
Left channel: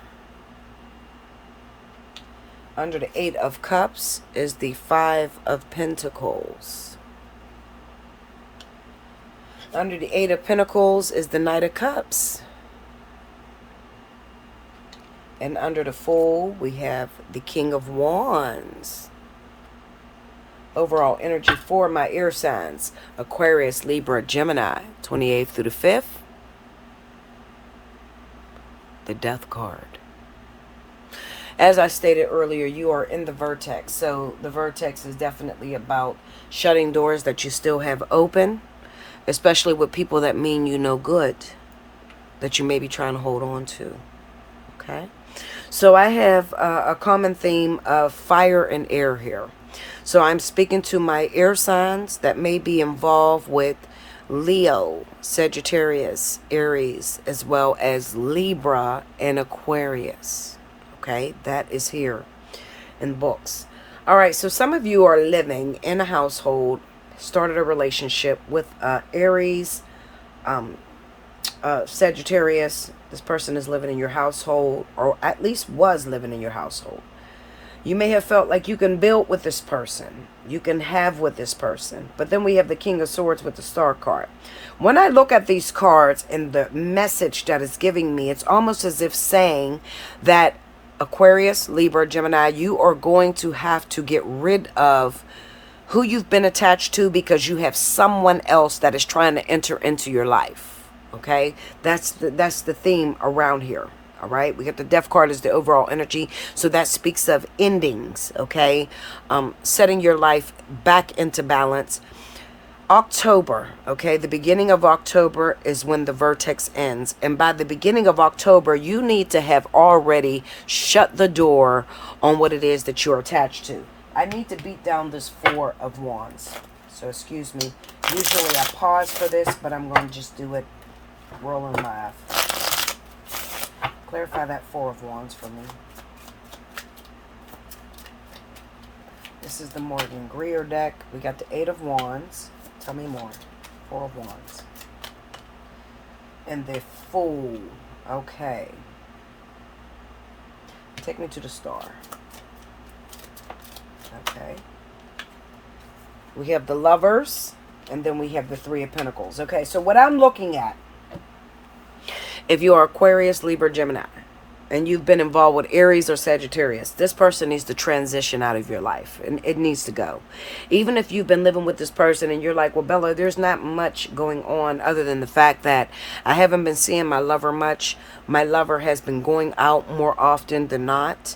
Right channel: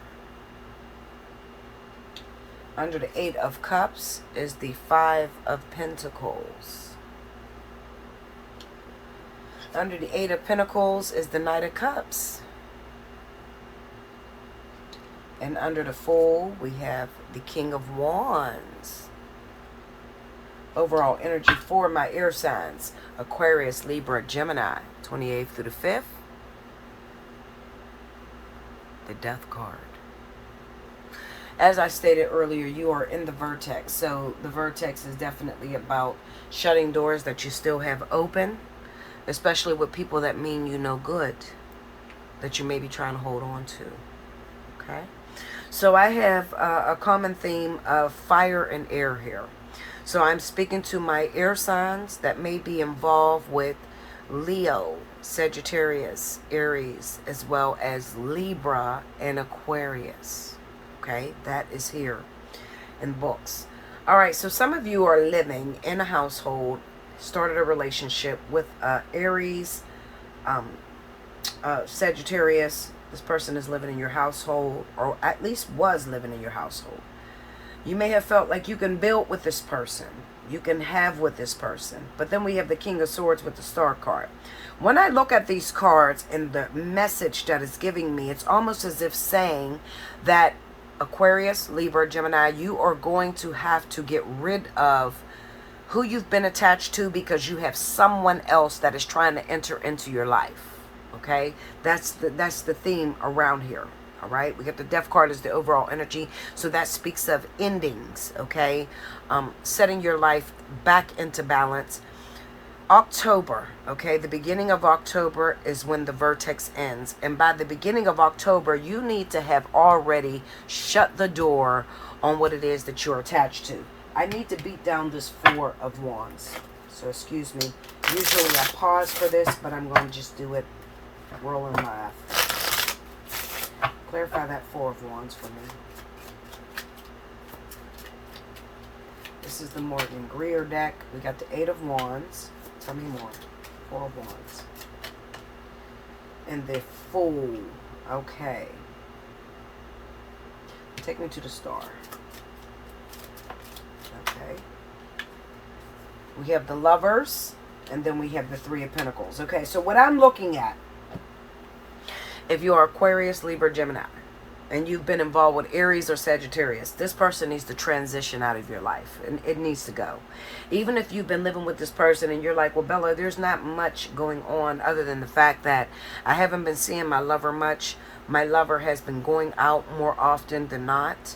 Under the Eight of Cups is the Five of Pentacles. Under the Eight of Pentacles is the Knight of Cups. And under the Fool, we have the King of Wands. Overall energy for my air signs: Aquarius, Libra, Gemini, 28th through the 5th. The Death card. As I stated earlier, you are in the vertex. So the vertex is definitely about shutting doors that you still have open, especially with people that mean you no good, that you may be trying to hold on to. Okay? So I have a common theme of fire and air here. So I'm speaking to my air signs that may be involved with Leo, Sagittarius, Aries, as well as Libra and Aquarius. Okay, that is here in books. All right, so some of you are living in a household, started a relationship with Aries, Sagittarius. This person is living in your household, or at least was living in your household. You may have felt like you can build with this person. You can have with this person. But then we have the King of Swords with the Star card. When I look at these cards and the message that it's giving me, it's almost as if saying that Aquarius, Libra, Gemini, you are going to have to get rid of who you've been attached to because you have someone else that is trying to enter into your life. Okay? That's the theme around here. All right, we got the Death card as the overall energy. So that speaks of endings, okay? Setting your life back into balance. October, okay? The beginning of October is when the vertex ends. And by the beginning of October, you need to have already shut the door on what it is that you're attached to. I need to beat down this Four of Wands. So excuse me. Usually I pause for this, but I'm going to just do it rolling live. Clarify that Four of Wands for me. This is the Morgan Greer deck. We got the Eight of Wands. Tell me more. Four of Wands. And the Fool. Okay. Take me to the Star. Okay. We have the Lovers. And then we have the Three of Pentacles. Okay, so what I'm looking at, if you are Aquarius, Libra, Gemini, and you've been involved with Aries or Sagittarius, this person needs to transition out of your life. And it needs to go. Even if you've been living with this person and you're like, well, Bella, there's not much going on other than the fact that I haven't been seeing my lover much. My lover has been going out more often than not.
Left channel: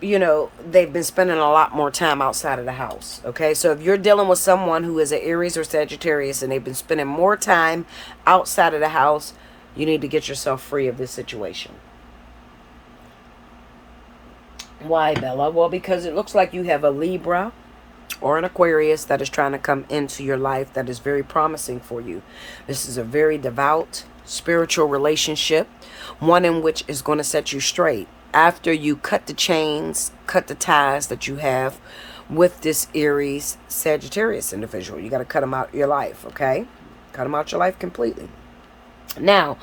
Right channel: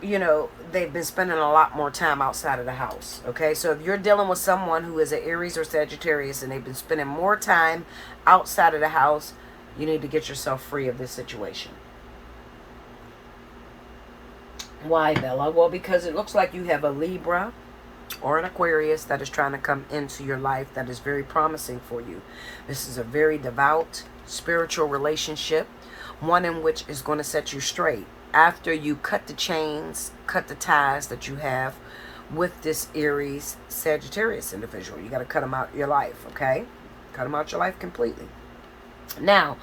You know, they've been spending a lot more time outside of the house. Okay, so if you're dealing with someone who is an Aries or Sagittarius and they've been spending more time outside of the house, you need to get yourself free of this situation. Why, Bella? Well, because it looks like you have a Libra or an Aquarius that is trying to come into your life that is very promising for you. This is a very devout, spiritual relationship, one in which is going to set you straight. After you cut the chains, cut the ties that you have with this Aries Sagittarius individual. You got to cut them out of your life, okay? Cut them out of your life completely. Now,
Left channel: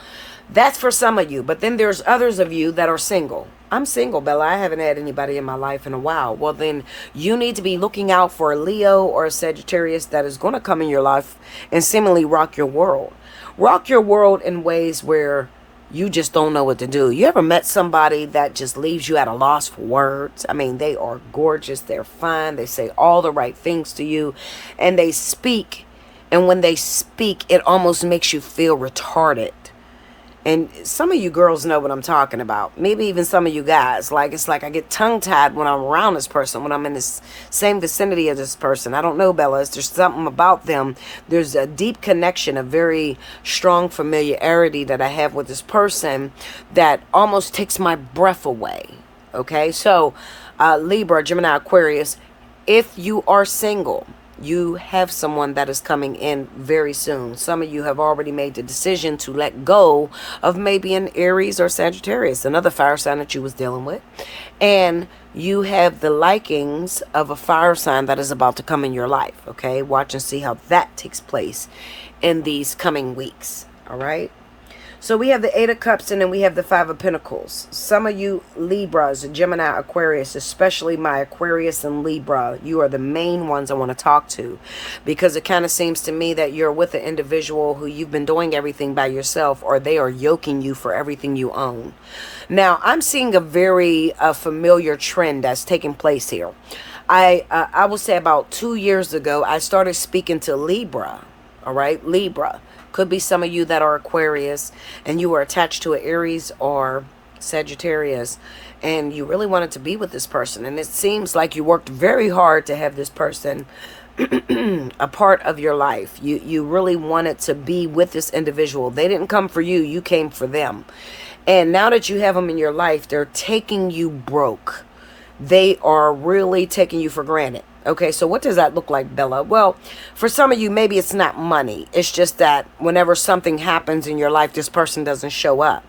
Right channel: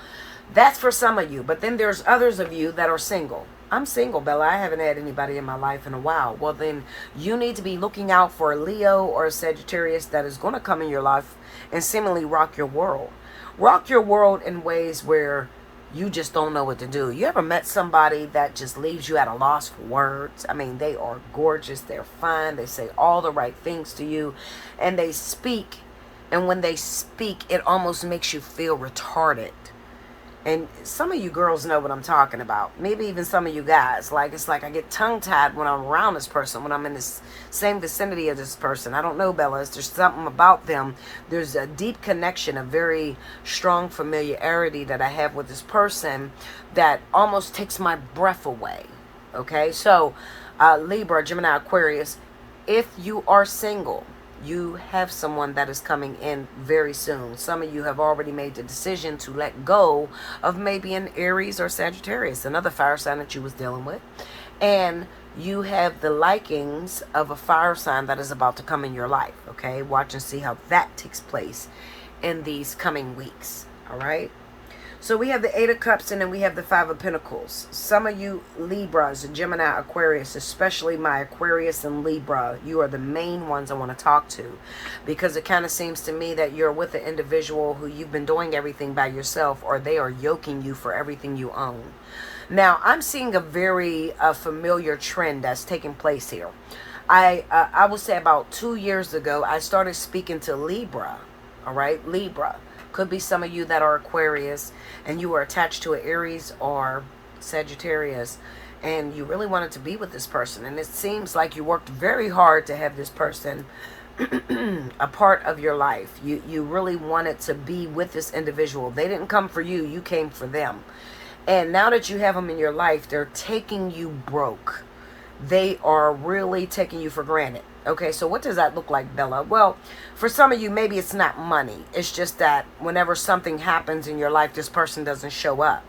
that's for some of you. But then there's others of you that are single. I'm single, Bella. I haven't had anybody in my life in a while. Well, then you need to be looking out for a Leo or a Sagittarius that is going to come in your life and seemingly rock your world. Rock your world in ways where you just don't know what to do. You ever met somebody that just leaves you at a loss for words? I mean, they are gorgeous. They're fine. They say all the right things to you. And they speak. And when they speak, it almost makes you feel retarded. And some of you girls know what I'm talking about. Maybe even some of you guys. Like, it's like I get tongue-tied when I'm around this person, when I'm in this same vicinity of this person. I don't know, Bella. There's something about them. There's a deep connection, a very strong familiarity that I have with this person that almost takes my breath away. Okay? So, Libra, Gemini, Aquarius, if you are single, You have someone that is coming in very soon. Some of you have already made the decision to let go of maybe an Aries or Sagittarius, another fire sign that you was dealing with. And you have the likings of a fire sign that is about to come in your life, okay? Watch and see how that takes place in these coming weeks, all right? So we have the Eight of Cups, and then we have the Five of Pentacles. Some of you Libras, Gemini, Aquarius, especially my Aquarius and Libra, you are the main ones I want to talk to, because it kind of seems to me that you're with an individual who you've been doing everything by yourself, or they are yoking you for everything you own. Now, I'm seeing a very familiar trend that's taking place here. I will say about 2 years ago, I started speaking to Libra, all right, Libra. Could be some of you that are Aquarius and you were attached to an Aries or Sagittarius and you really wanted to be with this person. And it seems like you worked very hard to have this person a part of your life. You really wanted to be with this individual. They didn't come for you. You came for them. And now that you have them in your life, they're taking you broke. They are really taking you for granted. Okay, so what does that look like, Bella? Well, for some of you, maybe it's not money. It's just that whenever something happens in your life, this person doesn't show up.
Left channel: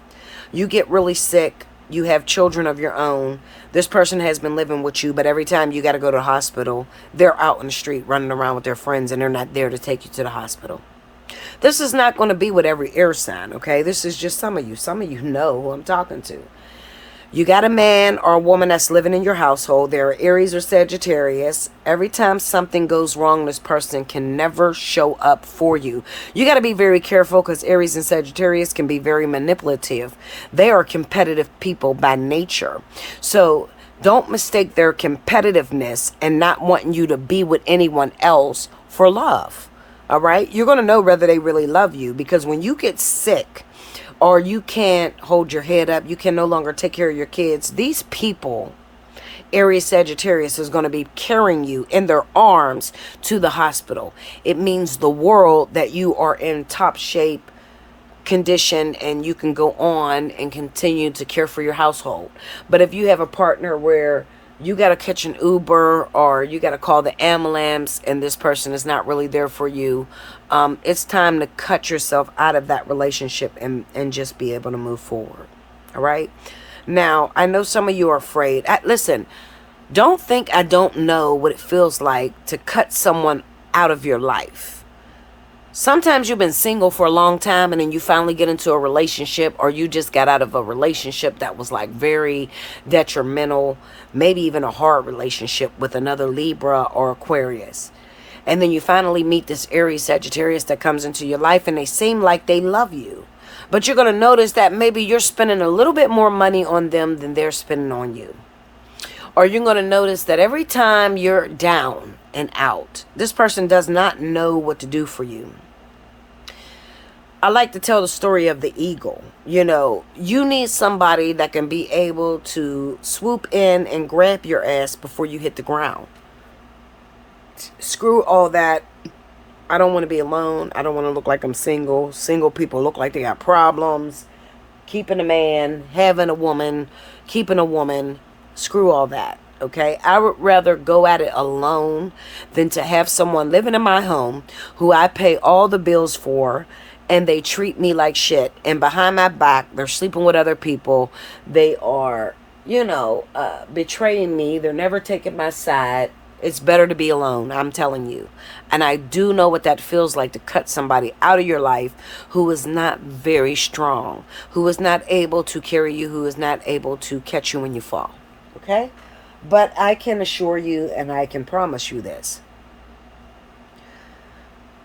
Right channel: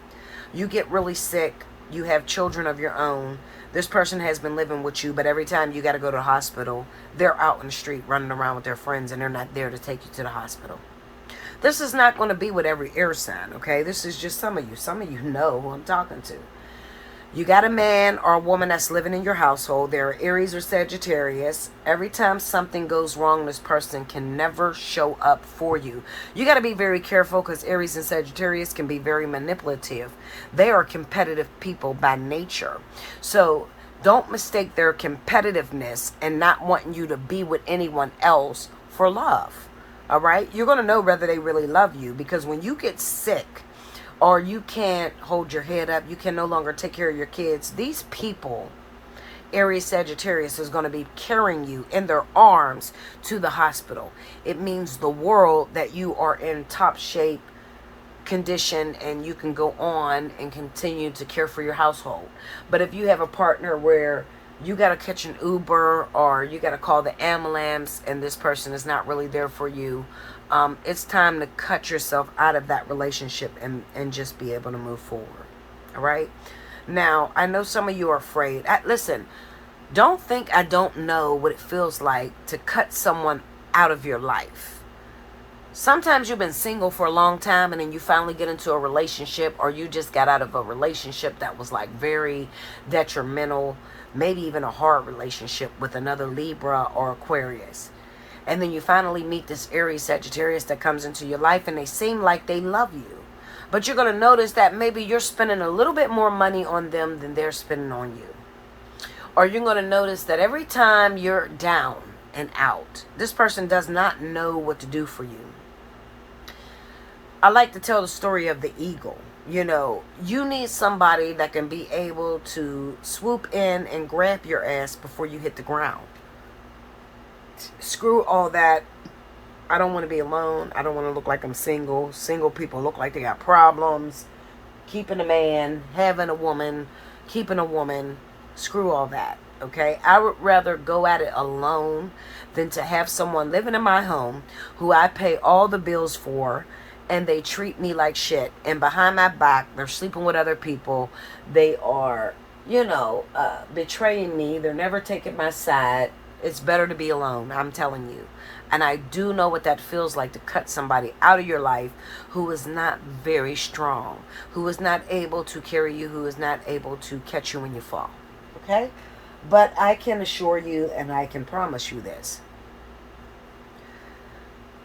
You get really sick. You have children of your own. This person has been living with you, but every time you got to go to the hospital, they're out in the street running around with their friends, and they're not there to take you to the hospital. This is not going to be with every air sign, okay? This is just some of you. Some of you know who I'm talking to. You got a man or a woman that's living in your household. They're Aries or Sagittarius. Every time something goes wrong, this person can never show up for you. You got to be very careful because Aries and Sagittarius can be very manipulative. They are competitive people by nature. So don't mistake their competitiveness and not wanting you to be with anyone else for love. All right? You're going to know whether they really love you, because when you get sick, or you can't hold your head up, you can no longer take care of your kids, these people, Aries, Sagittarius, is going to be carrying you in their arms to the hospital. It means the world that you are in top shape, condition, and you can go on and continue to care for your household. But if you have a partner where you got to catch an Uber or you got to call the ambulance and this person is not really there for you, it's time to cut yourself out of that relationship and just be able to move forward. All right. Now, I know some of you are afraid. Listen, don't think I don't know what it feels like to cut someone out of your life. Sometimes you've been single for a long time and then you finally get into a relationship, or you just got out of a relationship that was like very detrimental, maybe even a hard relationship with another Libra or Aquarius. And then you finally meet this Aries, Sagittarius that comes into your life and they seem like they love you. But you're going to notice that maybe you're spending a little bit more money on them than they're spending on you. Or you're going to notice that every time you're down and out, this person does not know what to do for you. I like to tell the story of the eagle. You know, you need somebody that can be able to swoop in and grab your ass before you hit the ground. Screw all that. I don't want to be alone. I don't want to look like I'm single. Single people look like they got problems. Keeping a man, having a woman, keeping a woman. Screw all that. Okay, I would rather go at it alone than to have someone living in my home who I pay all the bills for, and they treat me like shit, and behind my back they're sleeping with other people. They are, betraying me. They're never taking my side. It's better to be alone, I'm telling you. And I do know what that feels like, to cut somebody out of your life who is not very strong, who is not able to carry you, who is not able to catch you when you fall. Okay? But I can assure you, and I can promise you this.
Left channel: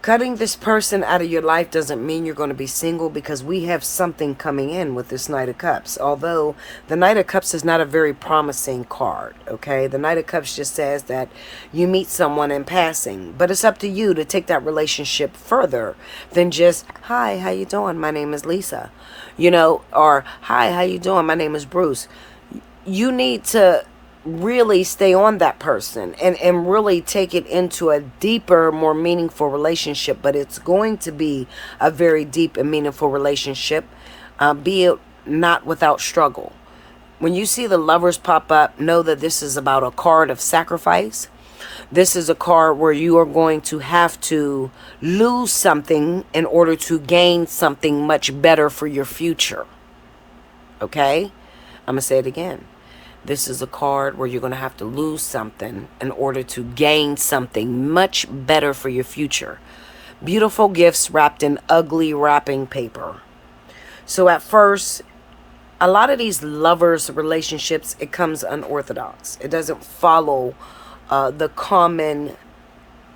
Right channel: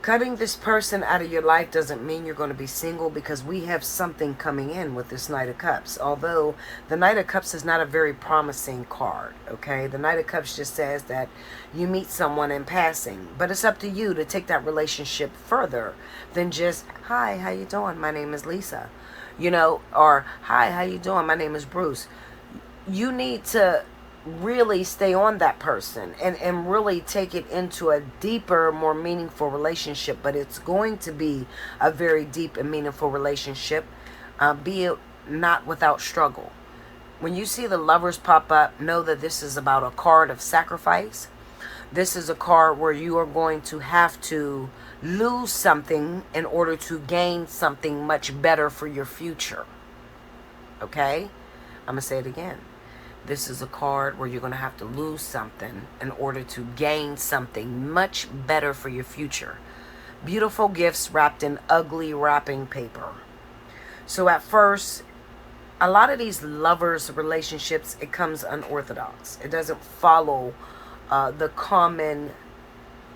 Cutting this person out of your life doesn't mean you're going to be single, because we have something coming in with this Knight of Cups. Although the Knight of Cups is not a very promising card, okay? The Knight of Cups just says that you meet someone in passing. But it's up to you to take that relationship further than just, hi, how you doing? My name is Lisa. Or, hi, how you doing? My name is Bruce. You need to really stay on that person and really take it into a deeper, more meaningful relationship. But it's going to be a very deep and meaningful relationship, be it not without struggle. When you see the Lovers pop up, know that this is about a card of sacrifice. This is a card where you are going to have to lose something in order to gain something much better for your future. Okay? I'm going to say it again. This is a card where you're going to have to lose something in order to gain something much better for your future. Beautiful gifts wrapped in ugly wrapping paper. So at first, a lot of these lovers relationships, it comes unorthodox. It doesn't follow the common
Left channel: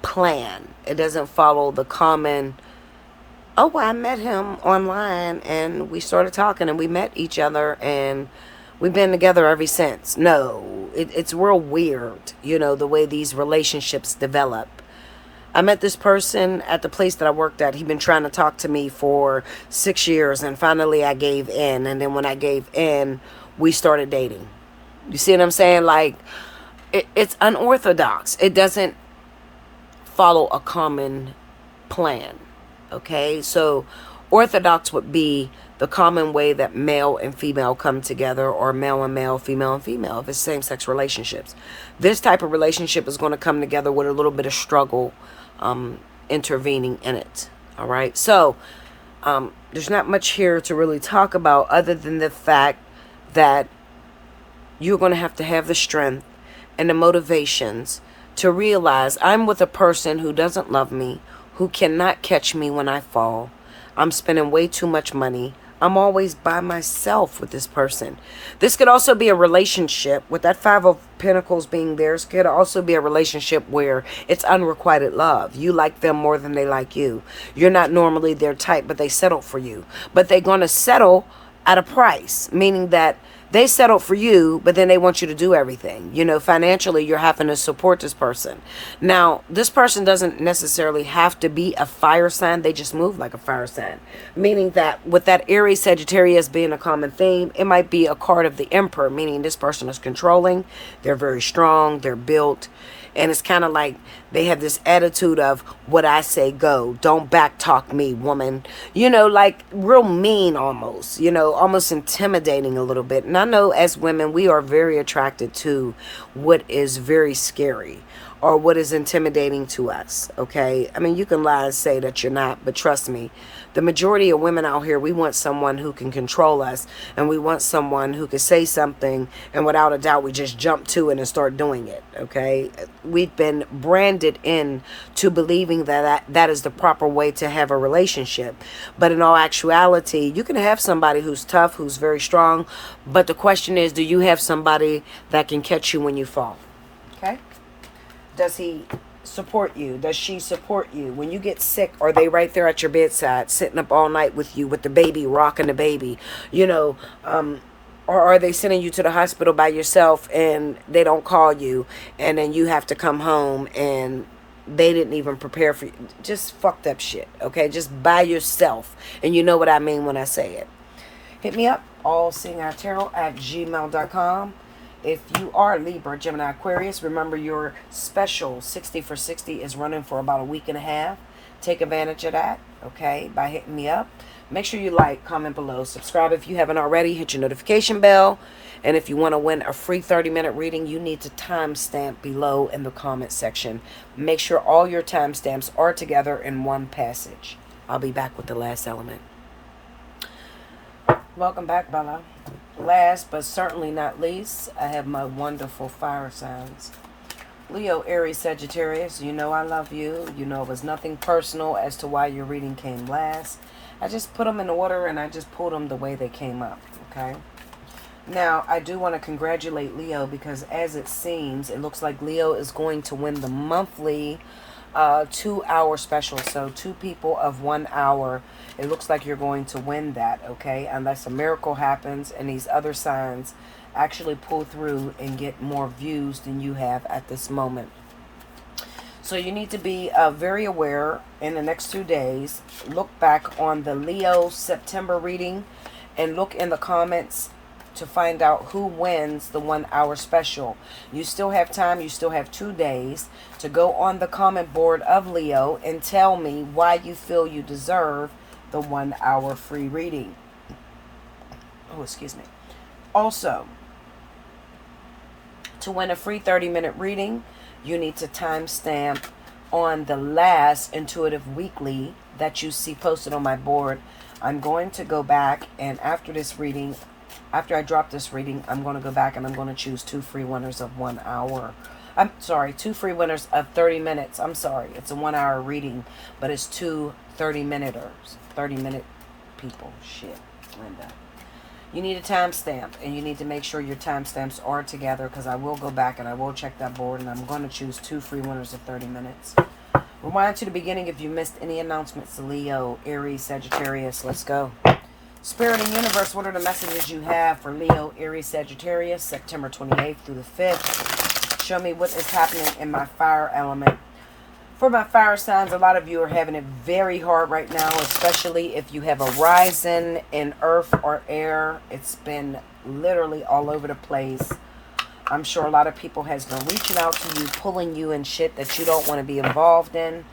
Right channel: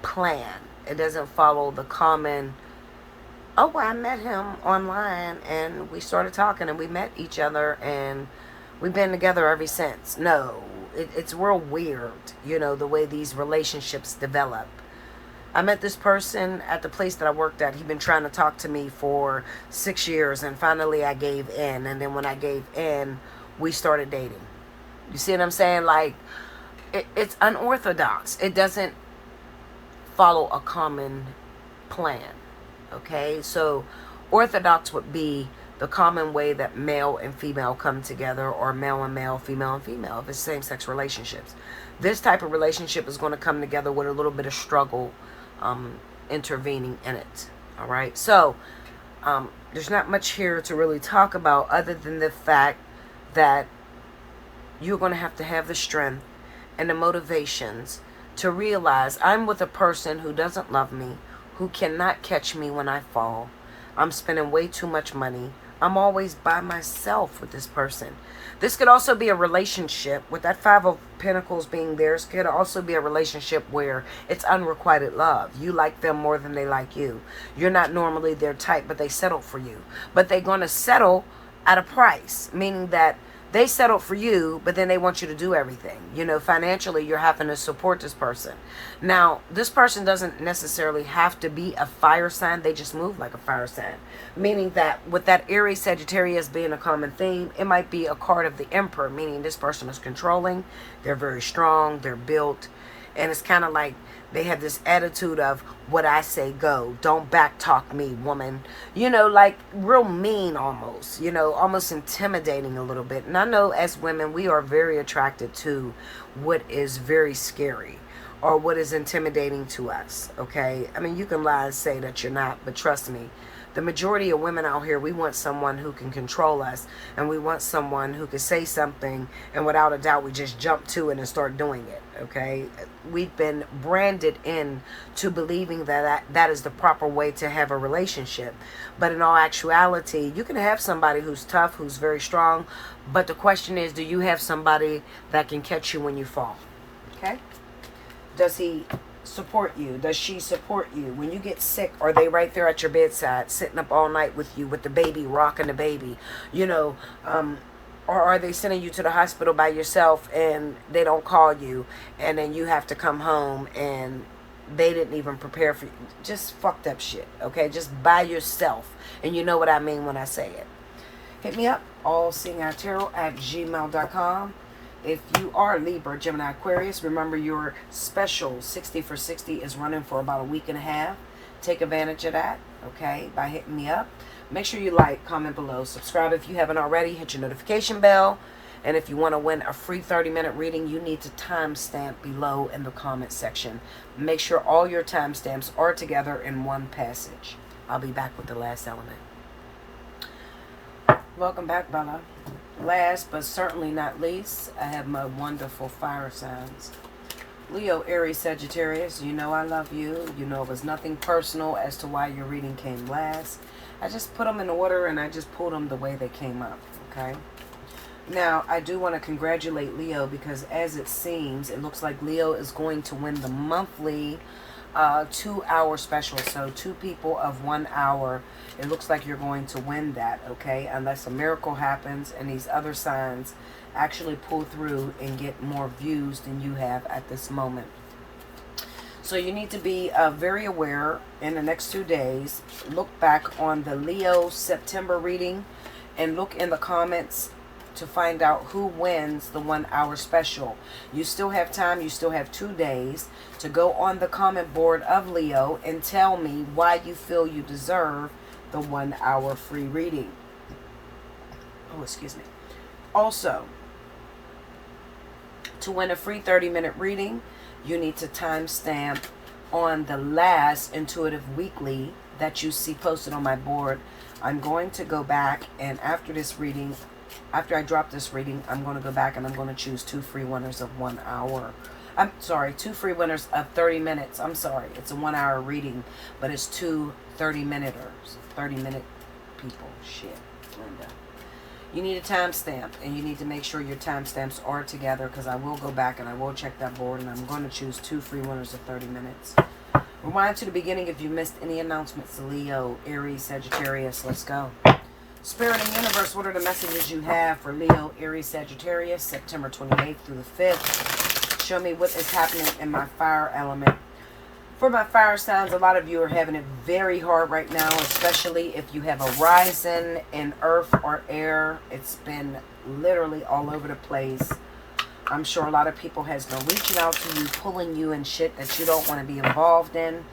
plan. It doesn't follow the common, oh, I met him online and we started talking and we met each other and we've been together ever since. No, it's real weird, you know, the way these relationships develop. I met this person at the place that I worked at. He'd been trying to talk to me for 6 years, and finally I gave in. And then when I gave in, we started dating. You see what I'm saying? Like, it's unorthodox. It doesn't follow a common plan. Okay? So, orthodox would be the common way that male and female come together, or male and male, female and female, if it's same-sex relationships. This type of relationship is going to come together with a little bit of struggle intervening in it. All right, so there's not much here to really talk about other than the fact that you're going to have the strength and the motivations to realize I'm with a person who doesn't love me, who cannot catch me when I fall. I'm spending way too much money. I'm always by myself with this person. This could also be a relationship with that Five of Pentacles being theirs. Could also be a relationship where it's unrequited love. You like them more than they like you. You're not normally their type, but they settle for you. But they're going to settle at a price, meaning that they settle for you, but then they want you to do everything. You know, financially, you're having to support this person. Now, this person doesn't necessarily have to be a fire sign. They just move like a fire sign. Meaning that with that Aries Sagittarius being a common theme, it might be a card of the Emperor, meaning this person is controlling. They're very strong. They're built. And it's kind of like they have this attitude of what I say go. Don't back talk me, woman. You know, like real mean almost. You know, almost intimidating a little bit. And I know as women, we are very attracted to what is very scary or what is intimidating to us. Okay? I mean, you can lie and say that you're not, but trust me. The majority of women out here, we want someone who can control us, and we want someone who can say something, and without a doubt, we just jump to it and start doing it, okay? We've been branded in to believing that is the proper way to have a relationship. But in all actuality, you can have somebody who's tough, who's very strong, but the question is, do you have somebody that can catch you when you fall, okay? Does he support you? Does she support you? When you get sick, are they right there at your bedside, sitting up all night with you, with the baby, rocking the baby? You know, or are they sending you to the hospital by yourself and they don't call you, and then you have to come home and they didn't even prepare for you? Just fucked up shit, okay? Just by yourself. And you know what I mean when I say it. Hit me up, allseeingeyetarot@gmail.com. If you are Libra, Gemini, Aquarius, remember your special 60 for 60 is running for about a week and a half. Take advantage of that, okay, by hitting me up. Make sure you like, comment below, subscribe if you haven't already, hit your notification bell. And if you want to win a free 30-minute reading, you need to timestamp below in the comment section. Make sure all your timestamps are together in one passage. I'll be back with the last element. Welcome back, Bella. Last but certainly not least, I have my wonderful fire signs. Leo, Aries, Sagittarius, you know I love you. You know it was nothing personal as to why your reading came last. I just put them in order and I just pulled them the way they came up, okay? Now, I do want to congratulate Leo because as it seems, it looks like Leo is going to win the monthly 2-hour special. So 2 people of 1 hour. It looks like you're going to win that, okay? Unless a miracle happens and these other signs actually pull through and get more views than you have at this moment. So you need to be very aware in the next 2 days. Look back on the Leo September reading and look in the comments to find out who wins the 1 hour special. You still have time. You still have 2 days to go on the comment board of Leo and tell me why you feel you deserve the 1 hour free reading. Oh, excuse me. Also, to win a free 30-minute reading, you need to timestamp on the last Intuitive Weekly that you see posted on my board. I'm going to go back, and after this reading, after I drop this reading, I'm going to go back and I'm going to choose 2 free winners of 1 hour. I'm sorry, 2 free winners of 30 minutes. I'm sorry, it's a 1 hour reading, but it's 2 30-minuters. 30-minute people. Shit, Linda. You need a timestamp, and you need to make sure your timestamps are together, because I will go back and I will check that board, and I'm going to choose 2 free winners of 30 minutes. Rewind to the beginning if you missed any announcements. Leo, Aries, Sagittarius. Let's go. Spirit and Universe, what are the messages you have for Leo, Aries, Sagittarius, September 28th through the 5th? Show me what is happening in my fire element. For my fire signs, a lot of you are having it very hard right now, especially if you have a rising in earth or air. It's been literally all over the place. I'm sure a lot of people has been reaching out to you, pulling you in shit that you don't want to be involved in.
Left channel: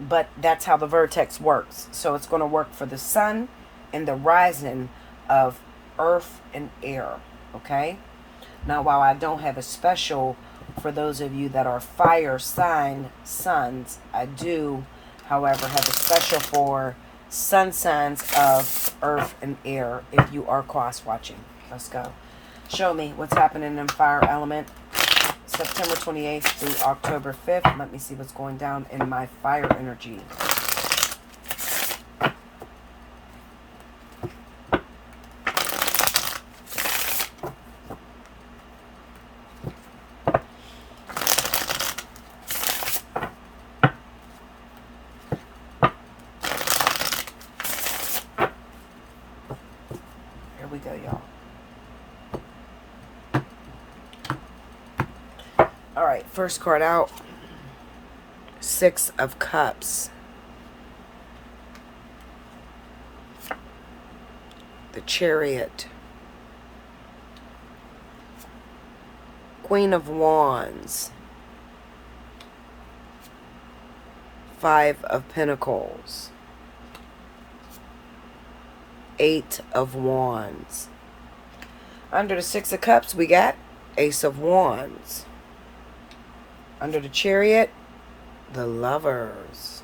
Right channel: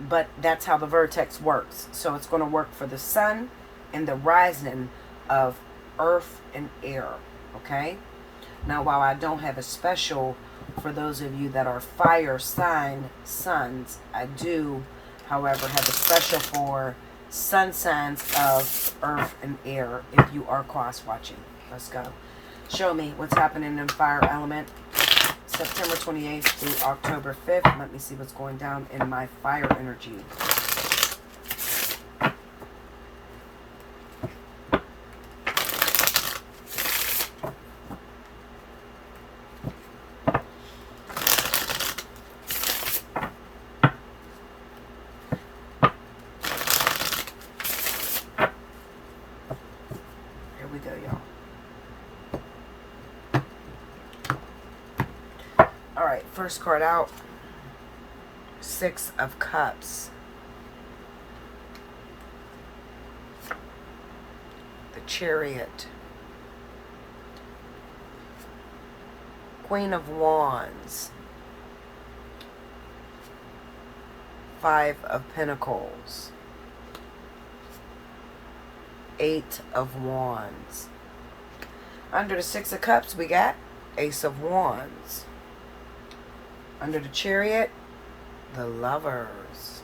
But that's how the vertex works. So it's going to work for the sun and the rising of earth and air. Okay? Now, while I don't have a special for those of you that are fire sign suns, I do, however, have a special for sun signs of earth and air if you are cross watching. Let's go. Show me what's happening in fire element. September 28th through October 5th. Let me see what's going down in my fire energy. Here we go, y'all. Alright, first card out. 6 of Cups. The Chariot. Queen of Wands. 5 of Pentacles. 8 of Wands. Under the 6 of Cups, we got Ace of Wands. Under the Chariot, the Lovers.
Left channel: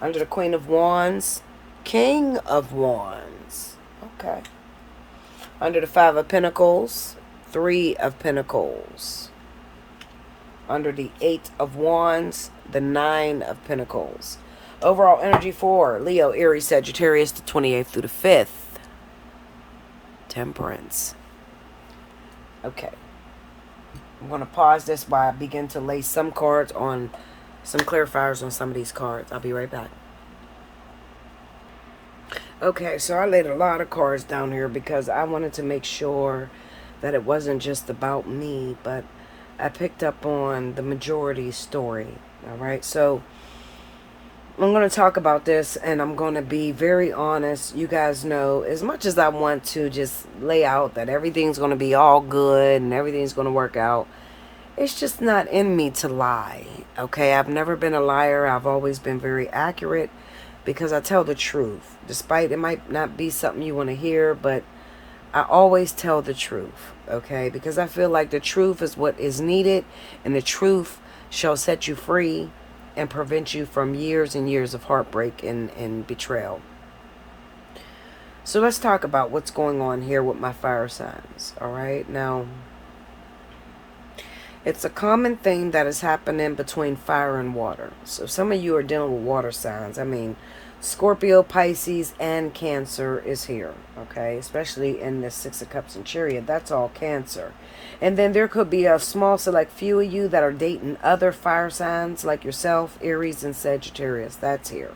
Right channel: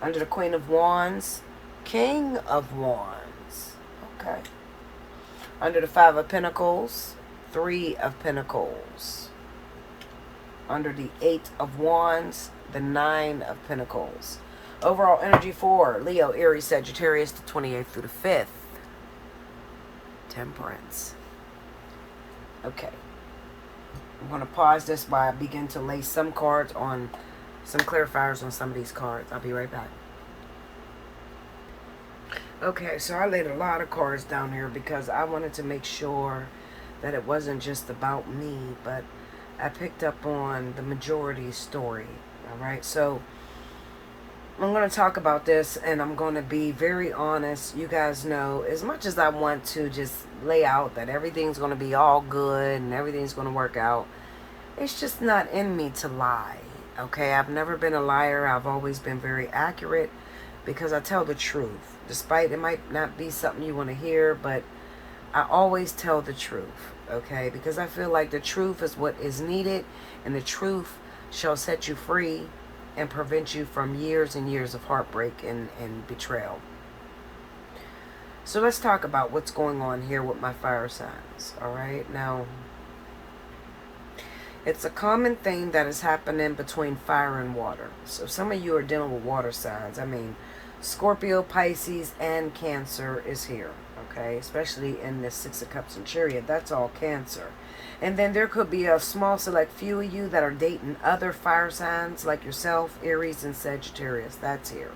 Under the Queen of Wands, King of Wands. Okay. Under the 5 of Pentacles, 3 of Pentacles. Under the 8 of Wands, the 9 of Pentacles. Overall energy for Leo, Aries, Sagittarius, the 28th through the 5th. Temperance. Okay. I'm going to pause this while I begin to lay some cards on, some clarifiers on some of these cards. I'll be right back. Okay, so I laid a lot of cards down here because I wanted to make sure that it wasn't just about me, but I picked up on the majority story. Alright, so I'm going to talk about this, and I'm going to be very honest. You guys know, as much as I want to just lay out that everything's going to be all good and everything's going to work out, it's just not in me to lie. Okay, I've never been a liar. I've always been very accurate because I tell the truth. Despite it might not be something you want to hear, but I always tell the truth. Okay, because I feel like the truth is what is needed, and the truth shall set you free and prevent you from years and years of heartbreak and betrayal. So let's talk about what's going on here with my fire signs. Alright, now it's a common thing that is happening between fire and water. So some of you are dealing with water signs. I mean, Scorpio, Pisces, and Cancer is here. Okay, especially in the 6 of Cups and Chariot. That's all Cancer. And then there could be a small select few of you that are dating other fire signs like yourself, Aries and Sagittarius. That's here.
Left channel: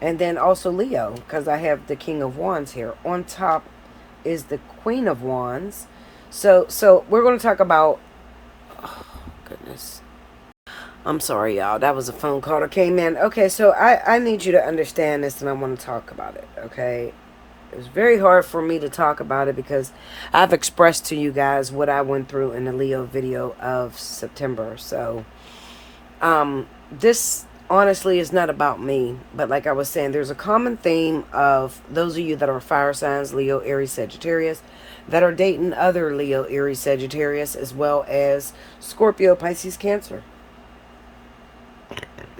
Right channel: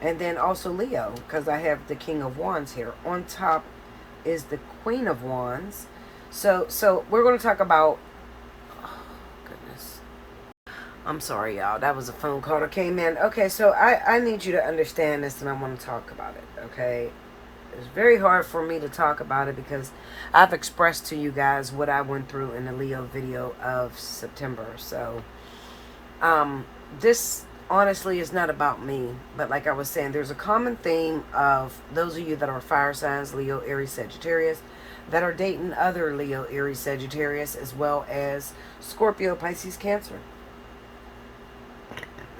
And then also Leo, because I have the King of Wands here. On top is the Queen of Wands. So we're going to talk about... Oh, goodness. I'm sorry, y'all. That was a phone call that came in. Okay, so I need you to understand this, and I want to talk about it, okay? It's very hard for me to talk about it because I've expressed to you guys what I went through in the Leo video of September. So, this honestly, it's not about me. But like I was saying, there's a common theme of those of you that are fire signs, Leo, Aries, Sagittarius, that are dating other Leo, Aries, Sagittarius, as well as Scorpio, Pisces, Cancer.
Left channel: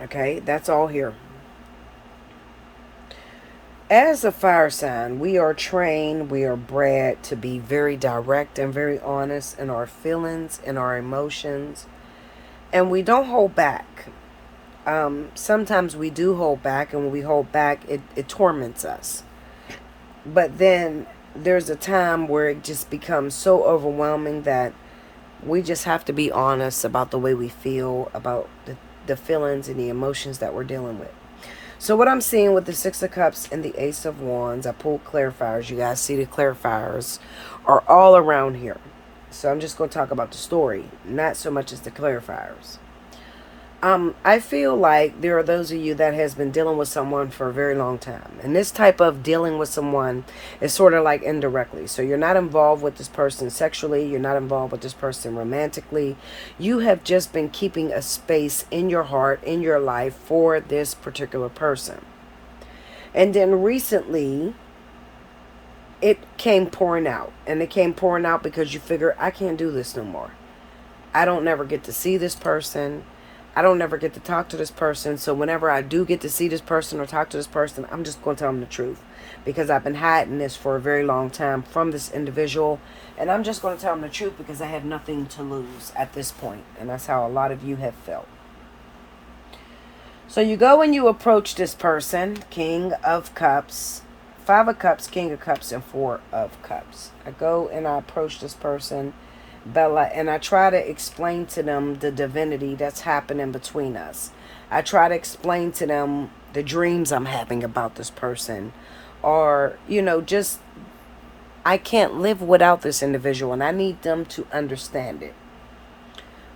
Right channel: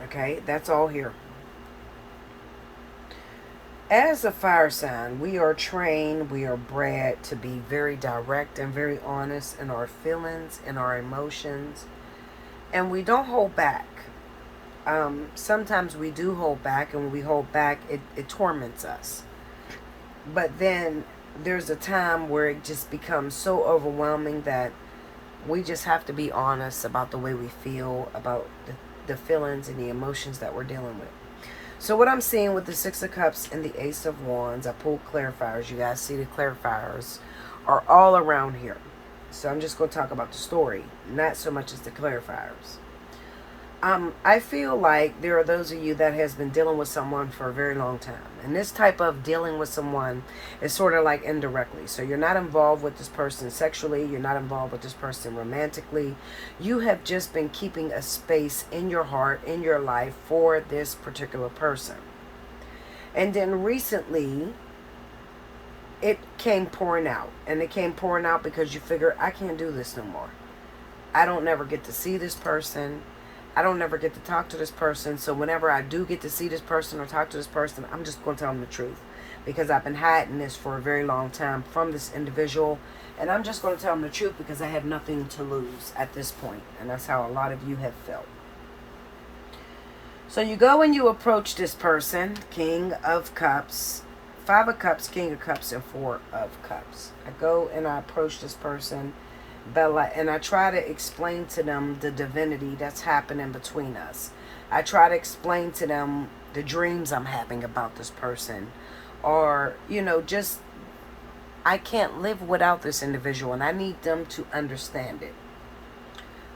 Okay, that's all here. As a fire sign, we are trained, we are bred to be very direct and very honest in our feelings and our emotions. And we don't hold back. Sometimes we do hold back, and when we hold back, it torments us. But then there's a time where it just becomes so overwhelming that we just have to be honest about the way we feel, about the feelings and the emotions that we're dealing with. So what I'm seeing with the Six of Cups and the Ace of Wands, I pulled clarifiers. You guys see the clarifiers are all around here. So I'm just going to talk about the story, not so much as the clarifiers. I feel like there are those of you that has been dealing with someone for a very long time. And this type of dealing with someone is sort of like indirectly. So you're not involved with this person sexually. You're not involved with this person romantically. You have just been keeping a space in your heart, in your life for this particular person. And then recently, it came pouring out. And it came pouring out because you figure, I can't do this no more. I don't never get to see this person. I don't never get to talk to this person. So whenever I do get to see this person or talk to this person, I'm just going to tell them the truth. Because I've been hiding this for a very long time from this individual. And I'm just going to tell them the truth because I have nothing to lose at this point. And that's how a lot of you have felt. So you go and you approach this person, King of Cups, Five of Cups, King of Cups, and Four of Cups. I go and I approach this person, Bella, and I try to explain to them the divinity that's happening between us. I try to explain to them the dreams I'm having about this person, or, you know, just I can't live without this individual and I need them to understand it.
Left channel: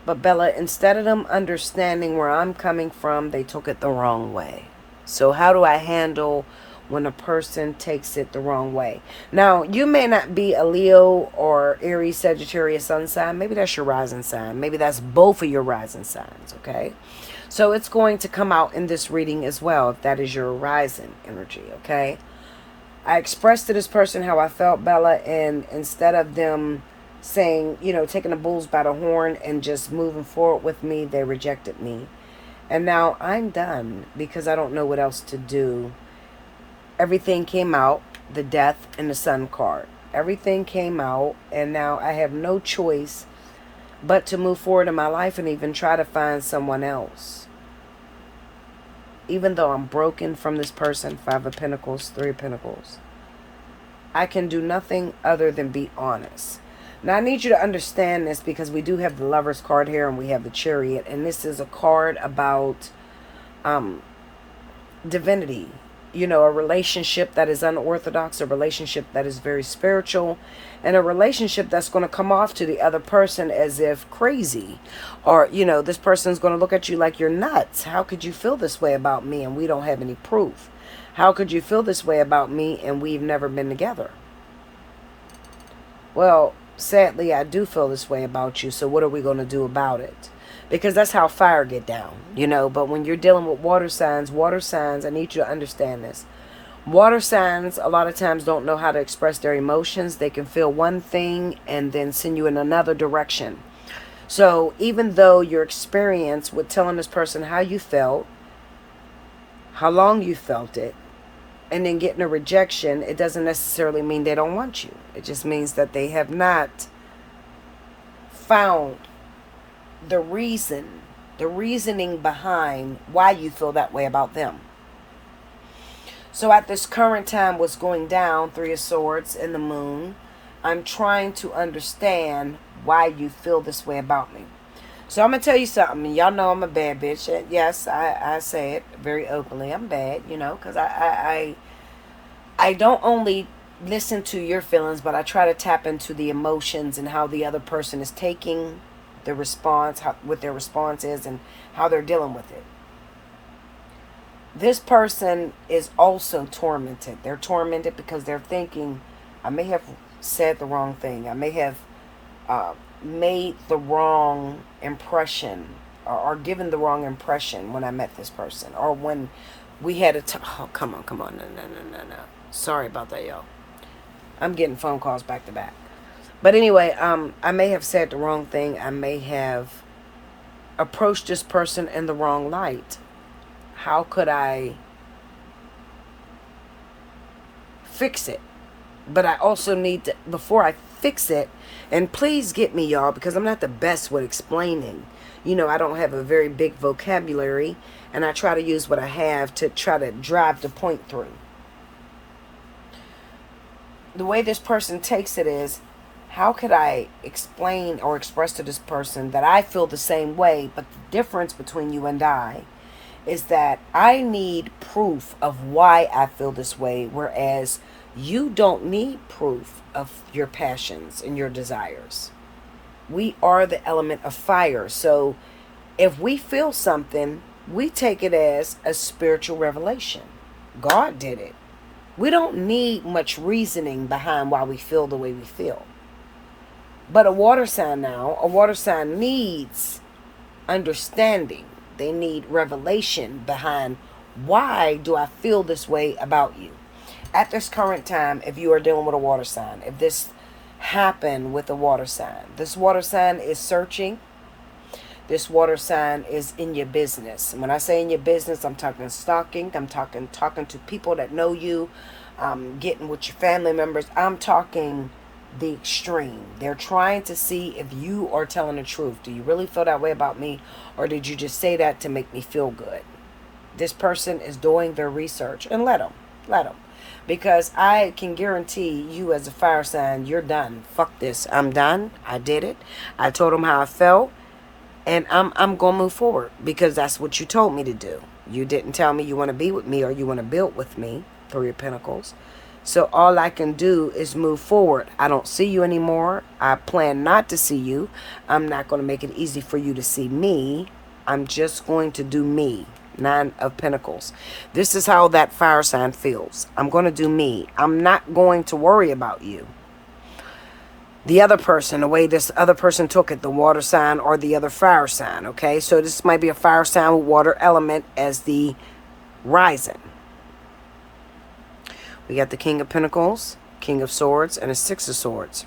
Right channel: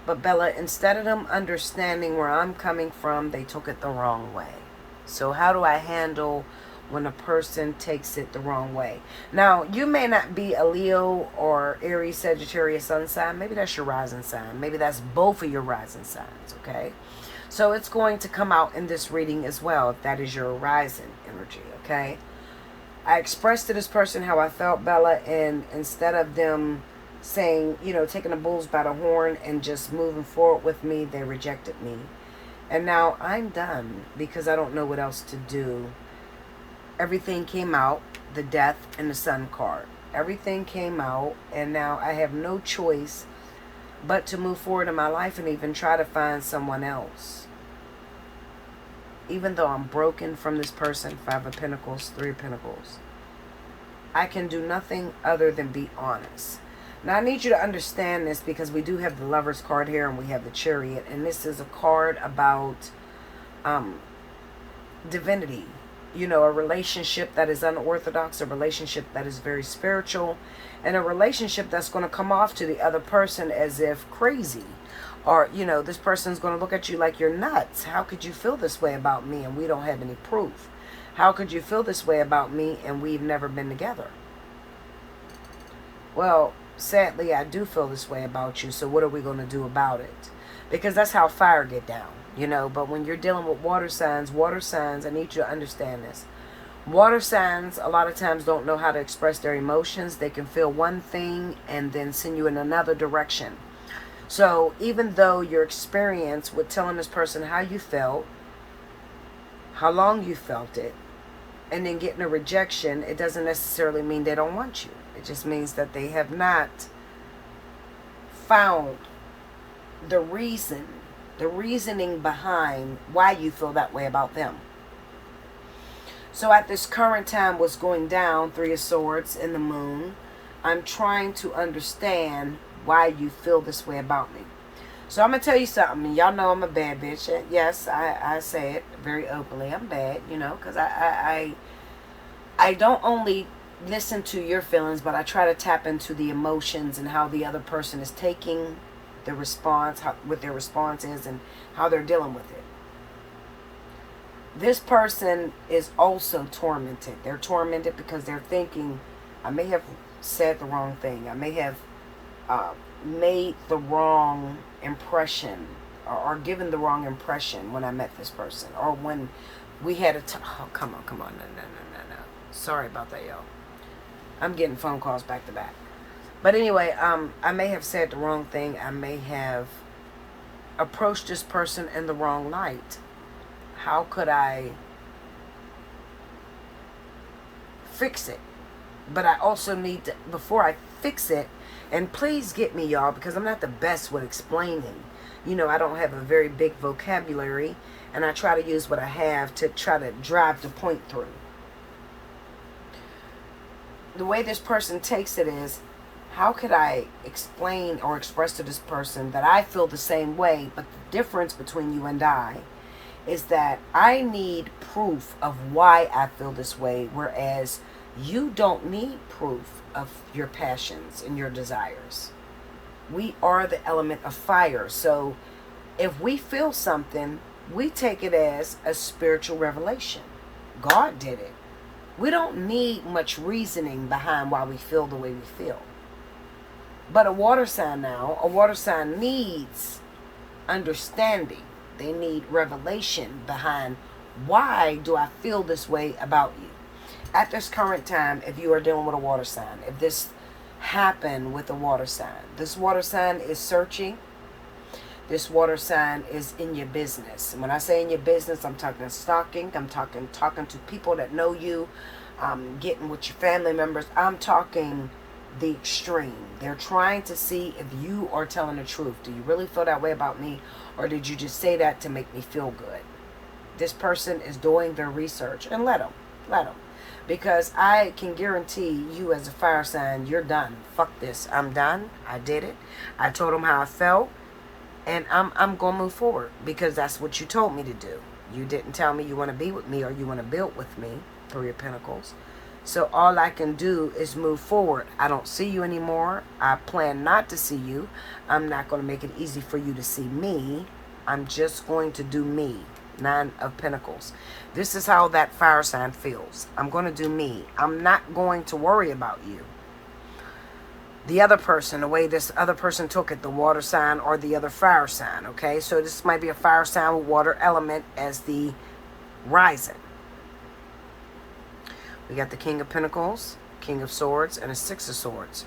But Bella, instead of them understanding where I'm coming from, they took it the wrong way. So how do I handle when a person takes it the wrong way? Now, you may not be a Leo or Aries, Sagittarius sun sign. Maybe that's your rising sign. Maybe that's both of your rising signs, okay? So it's going to come out in this reading as well, if that is your rising energy, okay? I expressed to this person how I felt, Bella, and instead of them saying, you know, taking the bulls by the horn and just moving forward with me, they rejected me. And now I'm done because I don't know what else to do. Everything came out, the Death and the Sun card. Everything came out, and now I have no choice but to move forward in my life and even try to find someone else. Even though I'm broken from this person, Five of Pentacles, Three of Pentacles, I can do nothing other than be honest. Now, I need you to understand this because we do have the Lover's card here and we have the Chariot. And this is a card about divinity. You know, a relationship that is unorthodox, a relationship that is very spiritual, and a relationship that's going to come off to the other person as if crazy. Or, you know, this person's going to look at you like you're nuts. How could you feel this way about me and we don't have any proof? How could you feel this way about me and we've never been together? Well, sadly, I do feel this way about you, so what are we going to do about it? Because that's how fire get down, you know. But when you're dealing with water signs, I need you to understand this. Water signs, a lot of times, don't know how to express their emotions. They can feel one thing and then send you in another direction. So even though your experience with telling this person how you felt, how long you felt it, and then getting a rejection, it doesn't necessarily mean they don't want you. It just means that they have not found the reasoning behind why you feel that way about them. So at this current time, what's going down, Three of Swords and the Moon, I'm trying to understand why you feel this way about me. So I'm going to tell you something. Y'all know I'm a bad bitch. Yes, I say it very openly. I'm bad, you know, because I don't only listen to your feelings, but I try to tap into the emotions and how the other person is taking the response, what their response is, and how they're dealing with it. This person is also tormented. They're tormented because they're thinking, I may have said the wrong thing. I may have made the wrong impression or given the wrong impression when I met this person, or when we had oh, come on, no. Sorry about that, y'all. I'm getting phone calls back to back. But anyway, I may have said the wrong thing. I may have approached this person in the wrong light. How could I fix it? But I also need to, before I fix it, and please get me, y'all, because I'm not the best with explaining. You know, I don't have a very big vocabulary, and I try to use what I have to try to drive the point through. The way this person takes it is, how could I explain or express to this person that I feel the same way, but the difference between you and I is that I need proof of why I feel this way, whereas you don't need proof of your passions and your desires. We are the element of fire. So if we feel something, we take it as a spiritual revelation. God did it. We don't need much reasoning behind why we feel the way we feel. But a water sign needs understanding. They need revelation behind, why do I feel this way about you? At this current time, if you are dealing with a water sign, if this happened with a water sign, this water sign is searching. This water sign is in your business. When I say in your business, I'm talking stalking. I'm talking to people that know you, getting with your family members. I'm talking the extreme. They're trying to see if you are telling the truth. Do you really feel that way about me, or did you just say that to make me feel good? This person is doing their research, and let them. Because I can guarantee you, as a fire sign, you're done. Fuck this. I'm done. I did it. I told them how I felt. And I'm going to move forward, because that's what you told me to do. You didn't tell me you want to be with me or you want to build with me, Three of Pentacles. So all I can do is move forward. I don't see you anymore. I plan not to see you. I'm not going to make it easy for you to see me. I'm just going to do me. Nine of Pentacles. This is how that fire sign feels. I'm going to do me. I'm not going to worry about you. The other person, the way this other person took it, the water sign or the other fire sign, okay? So this might be a fire sign with water element as the rising. We got the King of Pentacles, King of Swords, and a Six of Swords.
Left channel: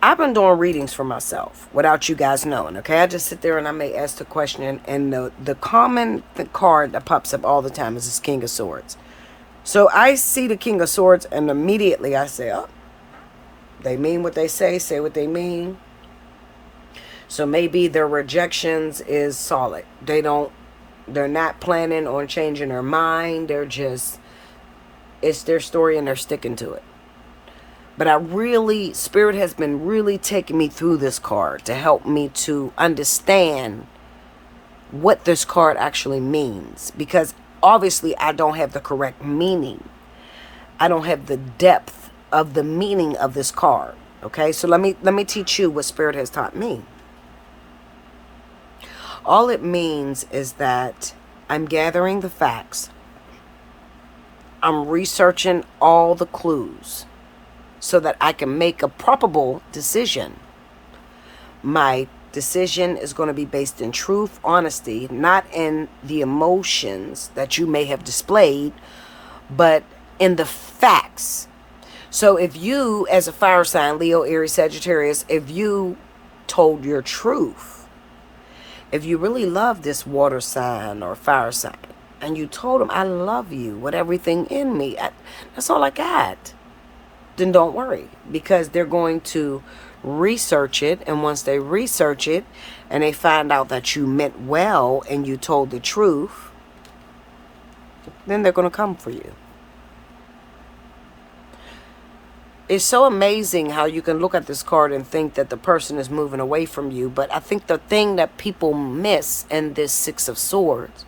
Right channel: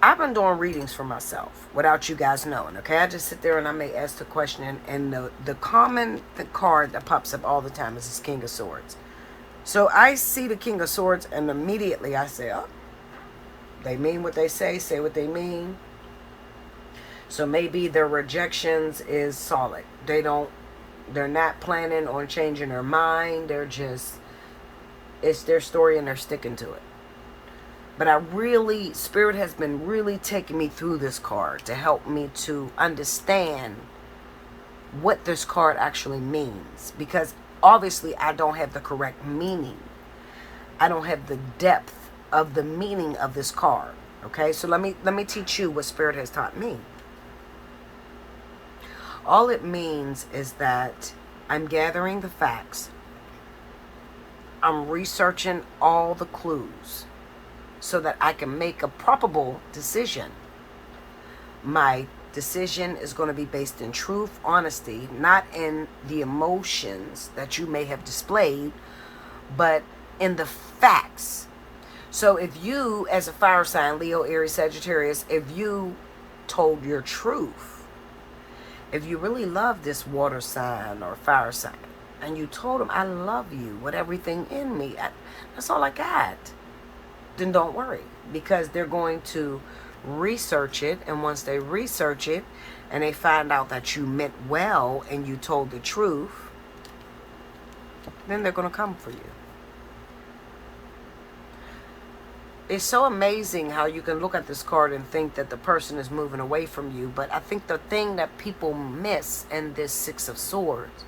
I've been doing readings for myself without you guys knowing, okay? I just sit there and I may ask the question, and the common card that pops up all the time is this King of Swords. So I see the King of Swords, and immediately I say, oh, they mean what they say what they mean. So maybe their rejections is solid. They're not planning on changing their mind. It's their story and they're sticking to it. But Spirit has been really taking me through this card to help me to understand what this card actually means. Because obviously I don't have the correct meaning. I don't have the depth of the meaning of this card. Okay, so let me teach you what Spirit has taught me. All it means is that I'm gathering the facts. I'm researching all the clues so that I can make a probable decision. My decision is going to be based in truth, honesty, not in the emotions that you may have displayed, but in the facts. So if you, as a fire sign, Leo, Aries, Sagittarius, if you told your truth, if you really love this water sign or fire sign, and you told them, I love you with everything in me, that's all I got, then don't worry, because they're going to research it. And once they research it and they find out that you meant well and you told the truth, then they're going to come for you. It's so amazing how you can look at this card and think that the person is moving away from you. But I think the thing that people miss in this Six of Swords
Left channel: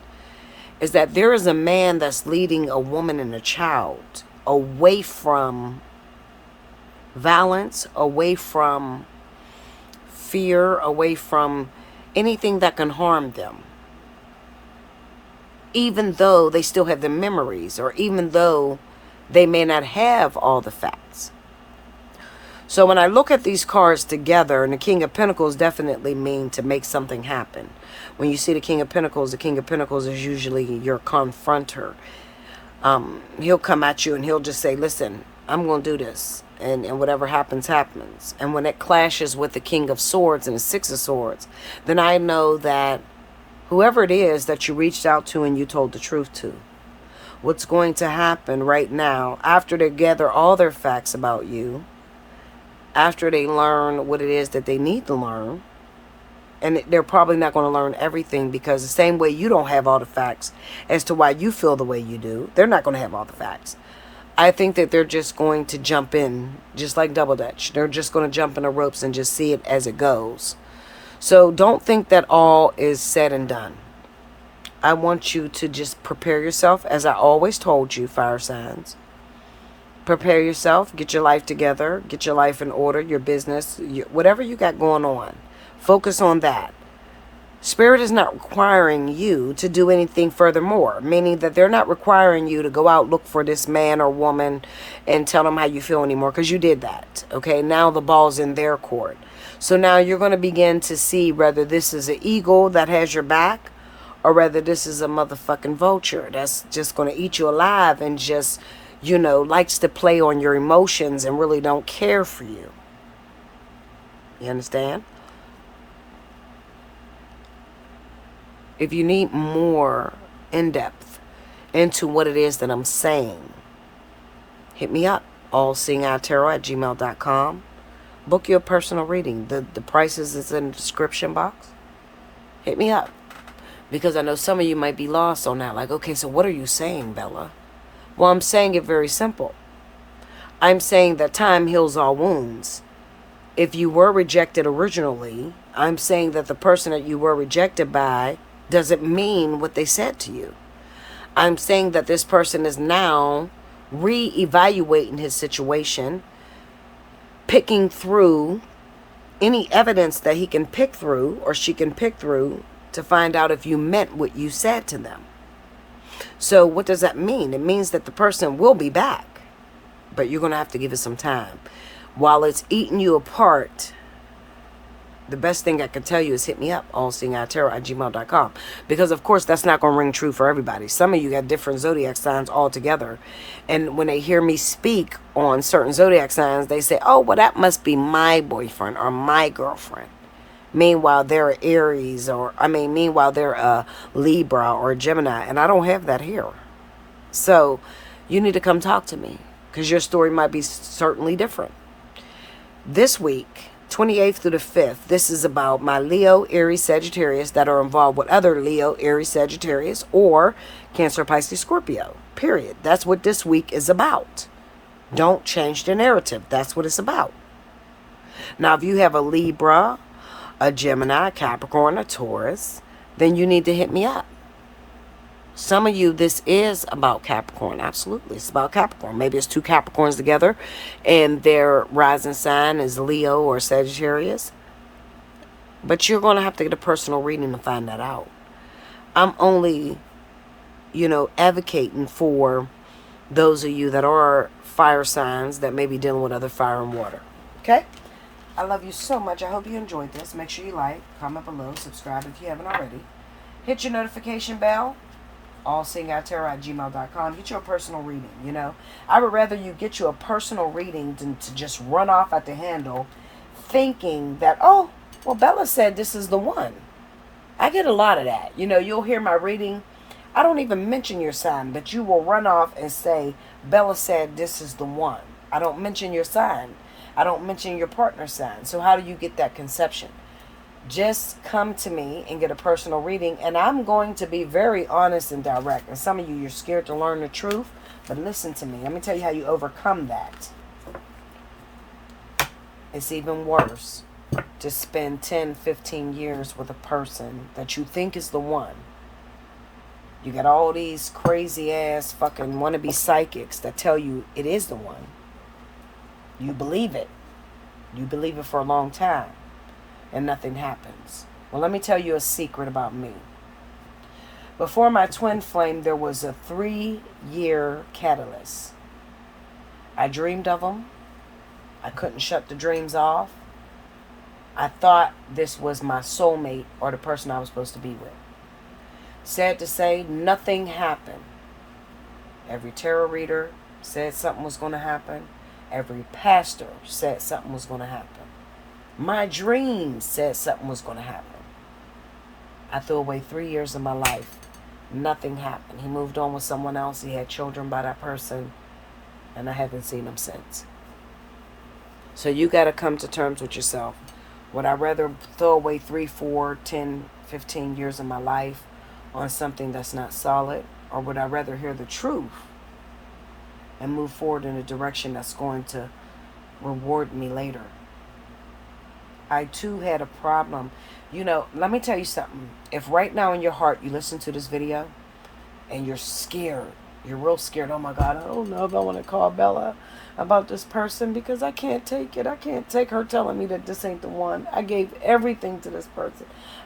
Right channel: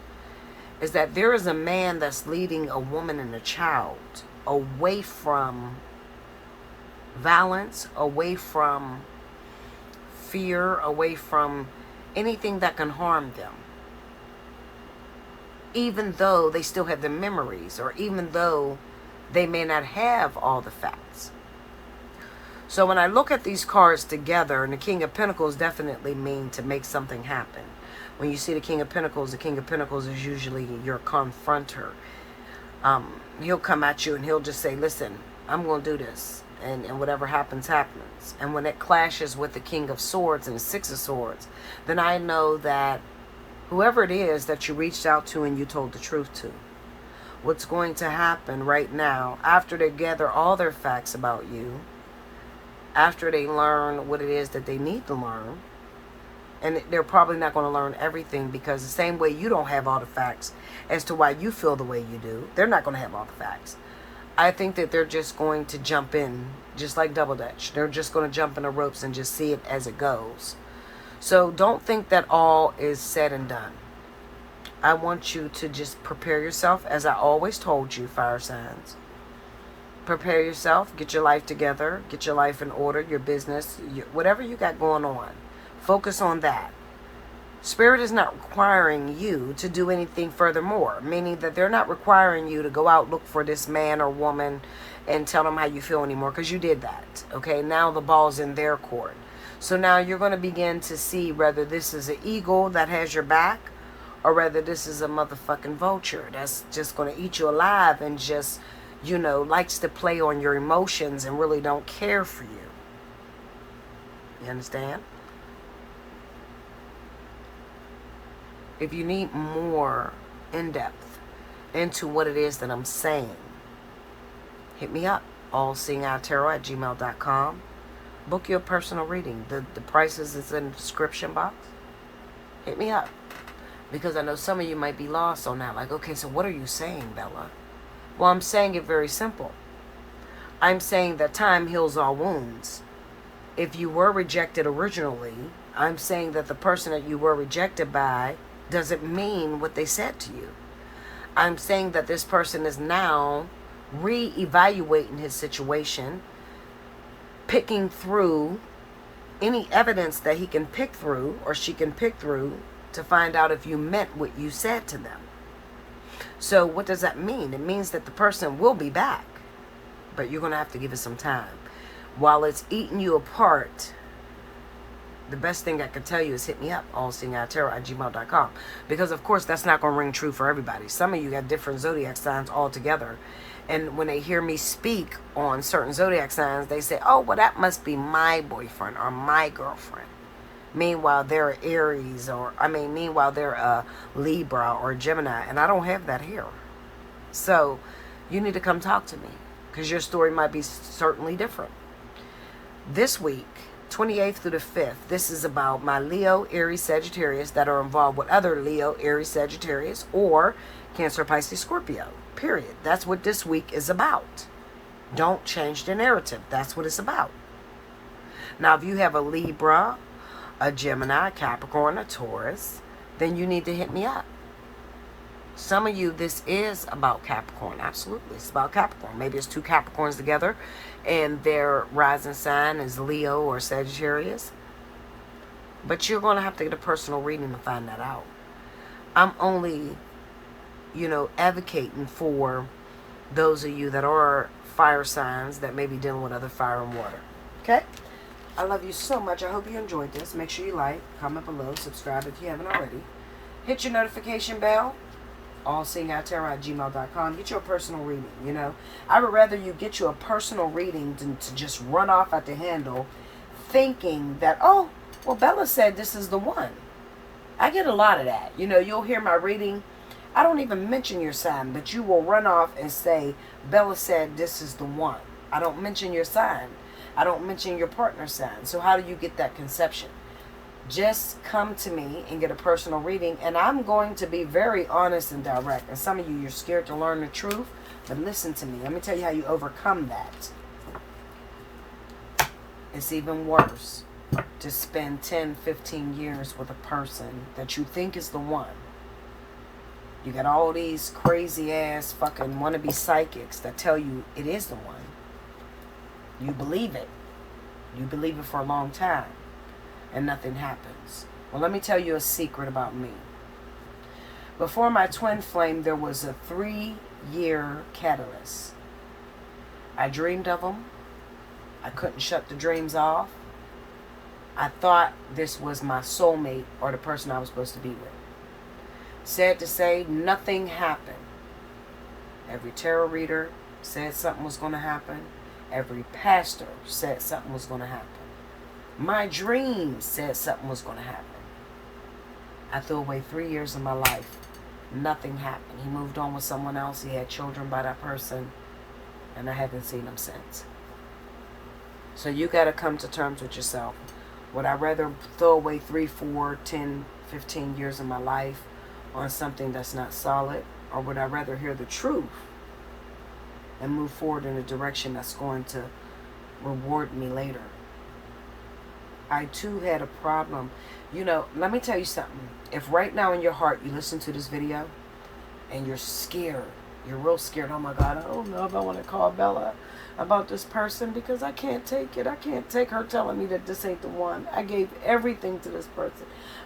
is that there is a man that's leading a woman and a child away from violence, away from fear, away from anything that can harm them. Even though they still have the memories, or even though they may not have all the facts. So when I look at these cards together, and the King of Pentacles definitely mean to make something happen. When you see the King of Pentacles is usually your confronter. He'll come at you and he'll just say, listen, I'm going to do this. And whatever happens, happens. And when it clashes with the King of Swords and the Six of Swords, then I know that whoever it is that you reached out to and you told the truth to, what's going to happen right now, after they gather all their facts about you, after they learn what it is that they need to learn, and they're probably not going to learn everything, because the same way you don't have all the facts as to why you feel the way you do, they're not going to have all the facts. I think that they're just going to jump in, just like Double Dutch. They're just going to jump in the ropes and just see it as it goes. So don't think that all is said and done. I want you to just prepare yourself, as I always told you, fire signs. Prepare yourself, get your life together, get your life in order, your business, whatever you got going on. Focus on that. Spirit is not requiring you to do anything furthermore, meaning that they're not requiring you to go out, look for this man or woman and tell them how you feel anymore, because you did that. Okay, now the ball's in their court. So now you're going to begin to see whether this is an eagle that has your back, or whether this is a motherfucking vulture that's just going to eat you alive and just, you know, likes to play on your emotions and really don't care for you. You understand? If you need more in-depth into what it is that I'm saying, hit me up. Allseeingeyetarot@gmail.com. Book your personal reading. The prices is in the description box. Hit me up. Because I know some of you might be lost on that. Like, okay, so what are you saying, Bella? Well, I'm saying it very simple. I'm saying that time heals all wounds. If you were rejected originally, I'm saying that the person that you were rejected by doesn't mean what they said to you. I'm saying that this person is now re-evaluating his situation, picking through any evidence that he can pick through, or she can pick through, to find out if you meant what you said to them. So what does that mean? It means that the person will be back, but you're going to have to give it some time. While it's eating you apart, the best thing I can tell you is hit me up, allseeingeyetarot@gmail.com. Because, of course, that's not going to ring true for everybody. Some of you got different zodiac signs altogether. And when they hear me speak on certain zodiac signs, they say, oh, well, that must be my boyfriend or my girlfriend. Meanwhile, they're Aries, meanwhile, they're a Libra or a Gemini. And I don't have that here. So you need to come talk to me, because your story might be certainly different. This week, 28th through the 5th, this is about my Leo, Aries, Sagittarius that are involved with other Leo, Aries, Sagittarius, or Cancer, Pisces, Scorpio. Period. That's what this week is about. Don't change the narrative. That's what it's about. Now, if you have a Libra, a Gemini, a Capricorn, a Taurus, then you need to hit me up. Some of you, this is about Capricorn. Absolutely. It's about Capricorn. Maybe it's two Capricorns together and their rising sign is Leo or Sagittarius. But you're going to have to get a personal reading to find that out. I'm only, advocating for those of you that are fire signs that may be dealing with other fire and water. Okay? I love you so much. I hope you enjoyed this. Make sure you like, comment below, subscribe if you haven't already. Hit your notification bell. Allseeingeyetarot@gmail.com. Get your personal reading, I would rather you get you a personal reading than to just run off at the handle thinking that, oh, well, Bella said this is the one. I get a lot of that. You'll hear my reading. I don't even mention your sign, but you will run off and say, Bella said this is the one. I don't mention your sign. I don't mention your partner's sign. So how do you get that conception? Just come to me and get a personal reading, and I'm going to be very honest and direct. And some of you, you're scared to learn the truth, but listen to me. Let me tell you how you overcome that. It's even worse to spend 10, 15 years with a person that you think is the one. You got all these crazy ass fucking wannabe psychics that tell you it is the one. You believe it. You believe it for a long time. And nothing happens. Well, let me tell you a secret about me. Before my twin flame, there was a 3-year catalyst. I dreamed of them. I couldn't shut the dreams off. I thought this was my soulmate or the person I was supposed to be with. Sad to say, nothing happened. Every tarot reader said something was going to happen. Every pastor said something was going to happen. My dreams said something was going to happen. I threw away 3 years of my life. Nothing happened. He moved on with someone else. He had children by that person. And I haven't seen him since. So you got to come to terms with yourself. Would I rather throw away 3, 4, 10, 15 years of my life on something that's not solid? Or would I rather hear the truth and move forward in a direction that's going to reward me later? I too had a problem. You know, let me tell you something. If right now in your heart you listen to this video and you're scared, you're real scared, oh my God, I don't know if I want to call Bella about this person because I can't take it. I can't take her telling me that this ain't the one. I gave everything to this person.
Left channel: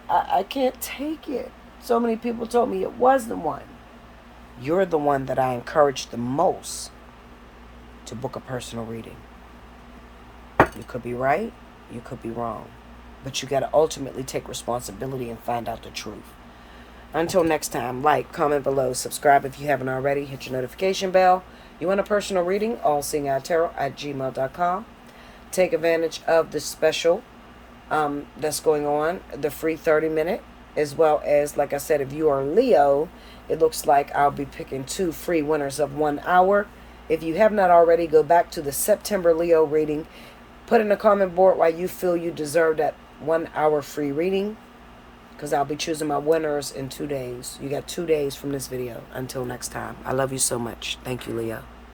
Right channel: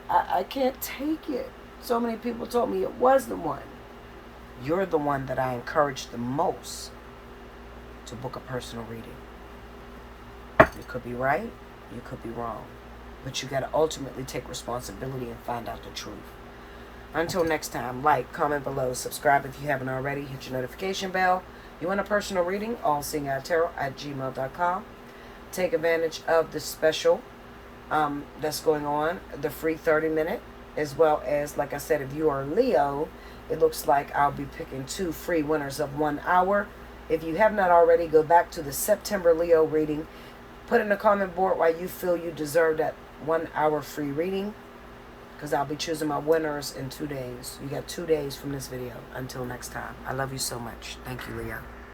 I can't take it. So many people told me it was the one. You're the one that I encourage the most to book a personal reading. You could be right. You could be wrong. But you got to ultimately take responsibility and find out the truth. Until next time, like, comment below, subscribe if you haven't already, hit your notification bell. You want a personal reading? Allseeingeyetarot@gmail.com. Take advantage of the special that's going on, the free 30-minute, as well as, like I said, if you are Leo, it looks like I'll be picking 2 free winners of 1 hour. If you have not already, go back to the September Leo reading. Put in a comment board why you feel you deserve that 1 hour free reading, because I'll be choosing my winners in 2 days. You got 2 days from this video. Until next time. I love you so much. Thank you, Leo.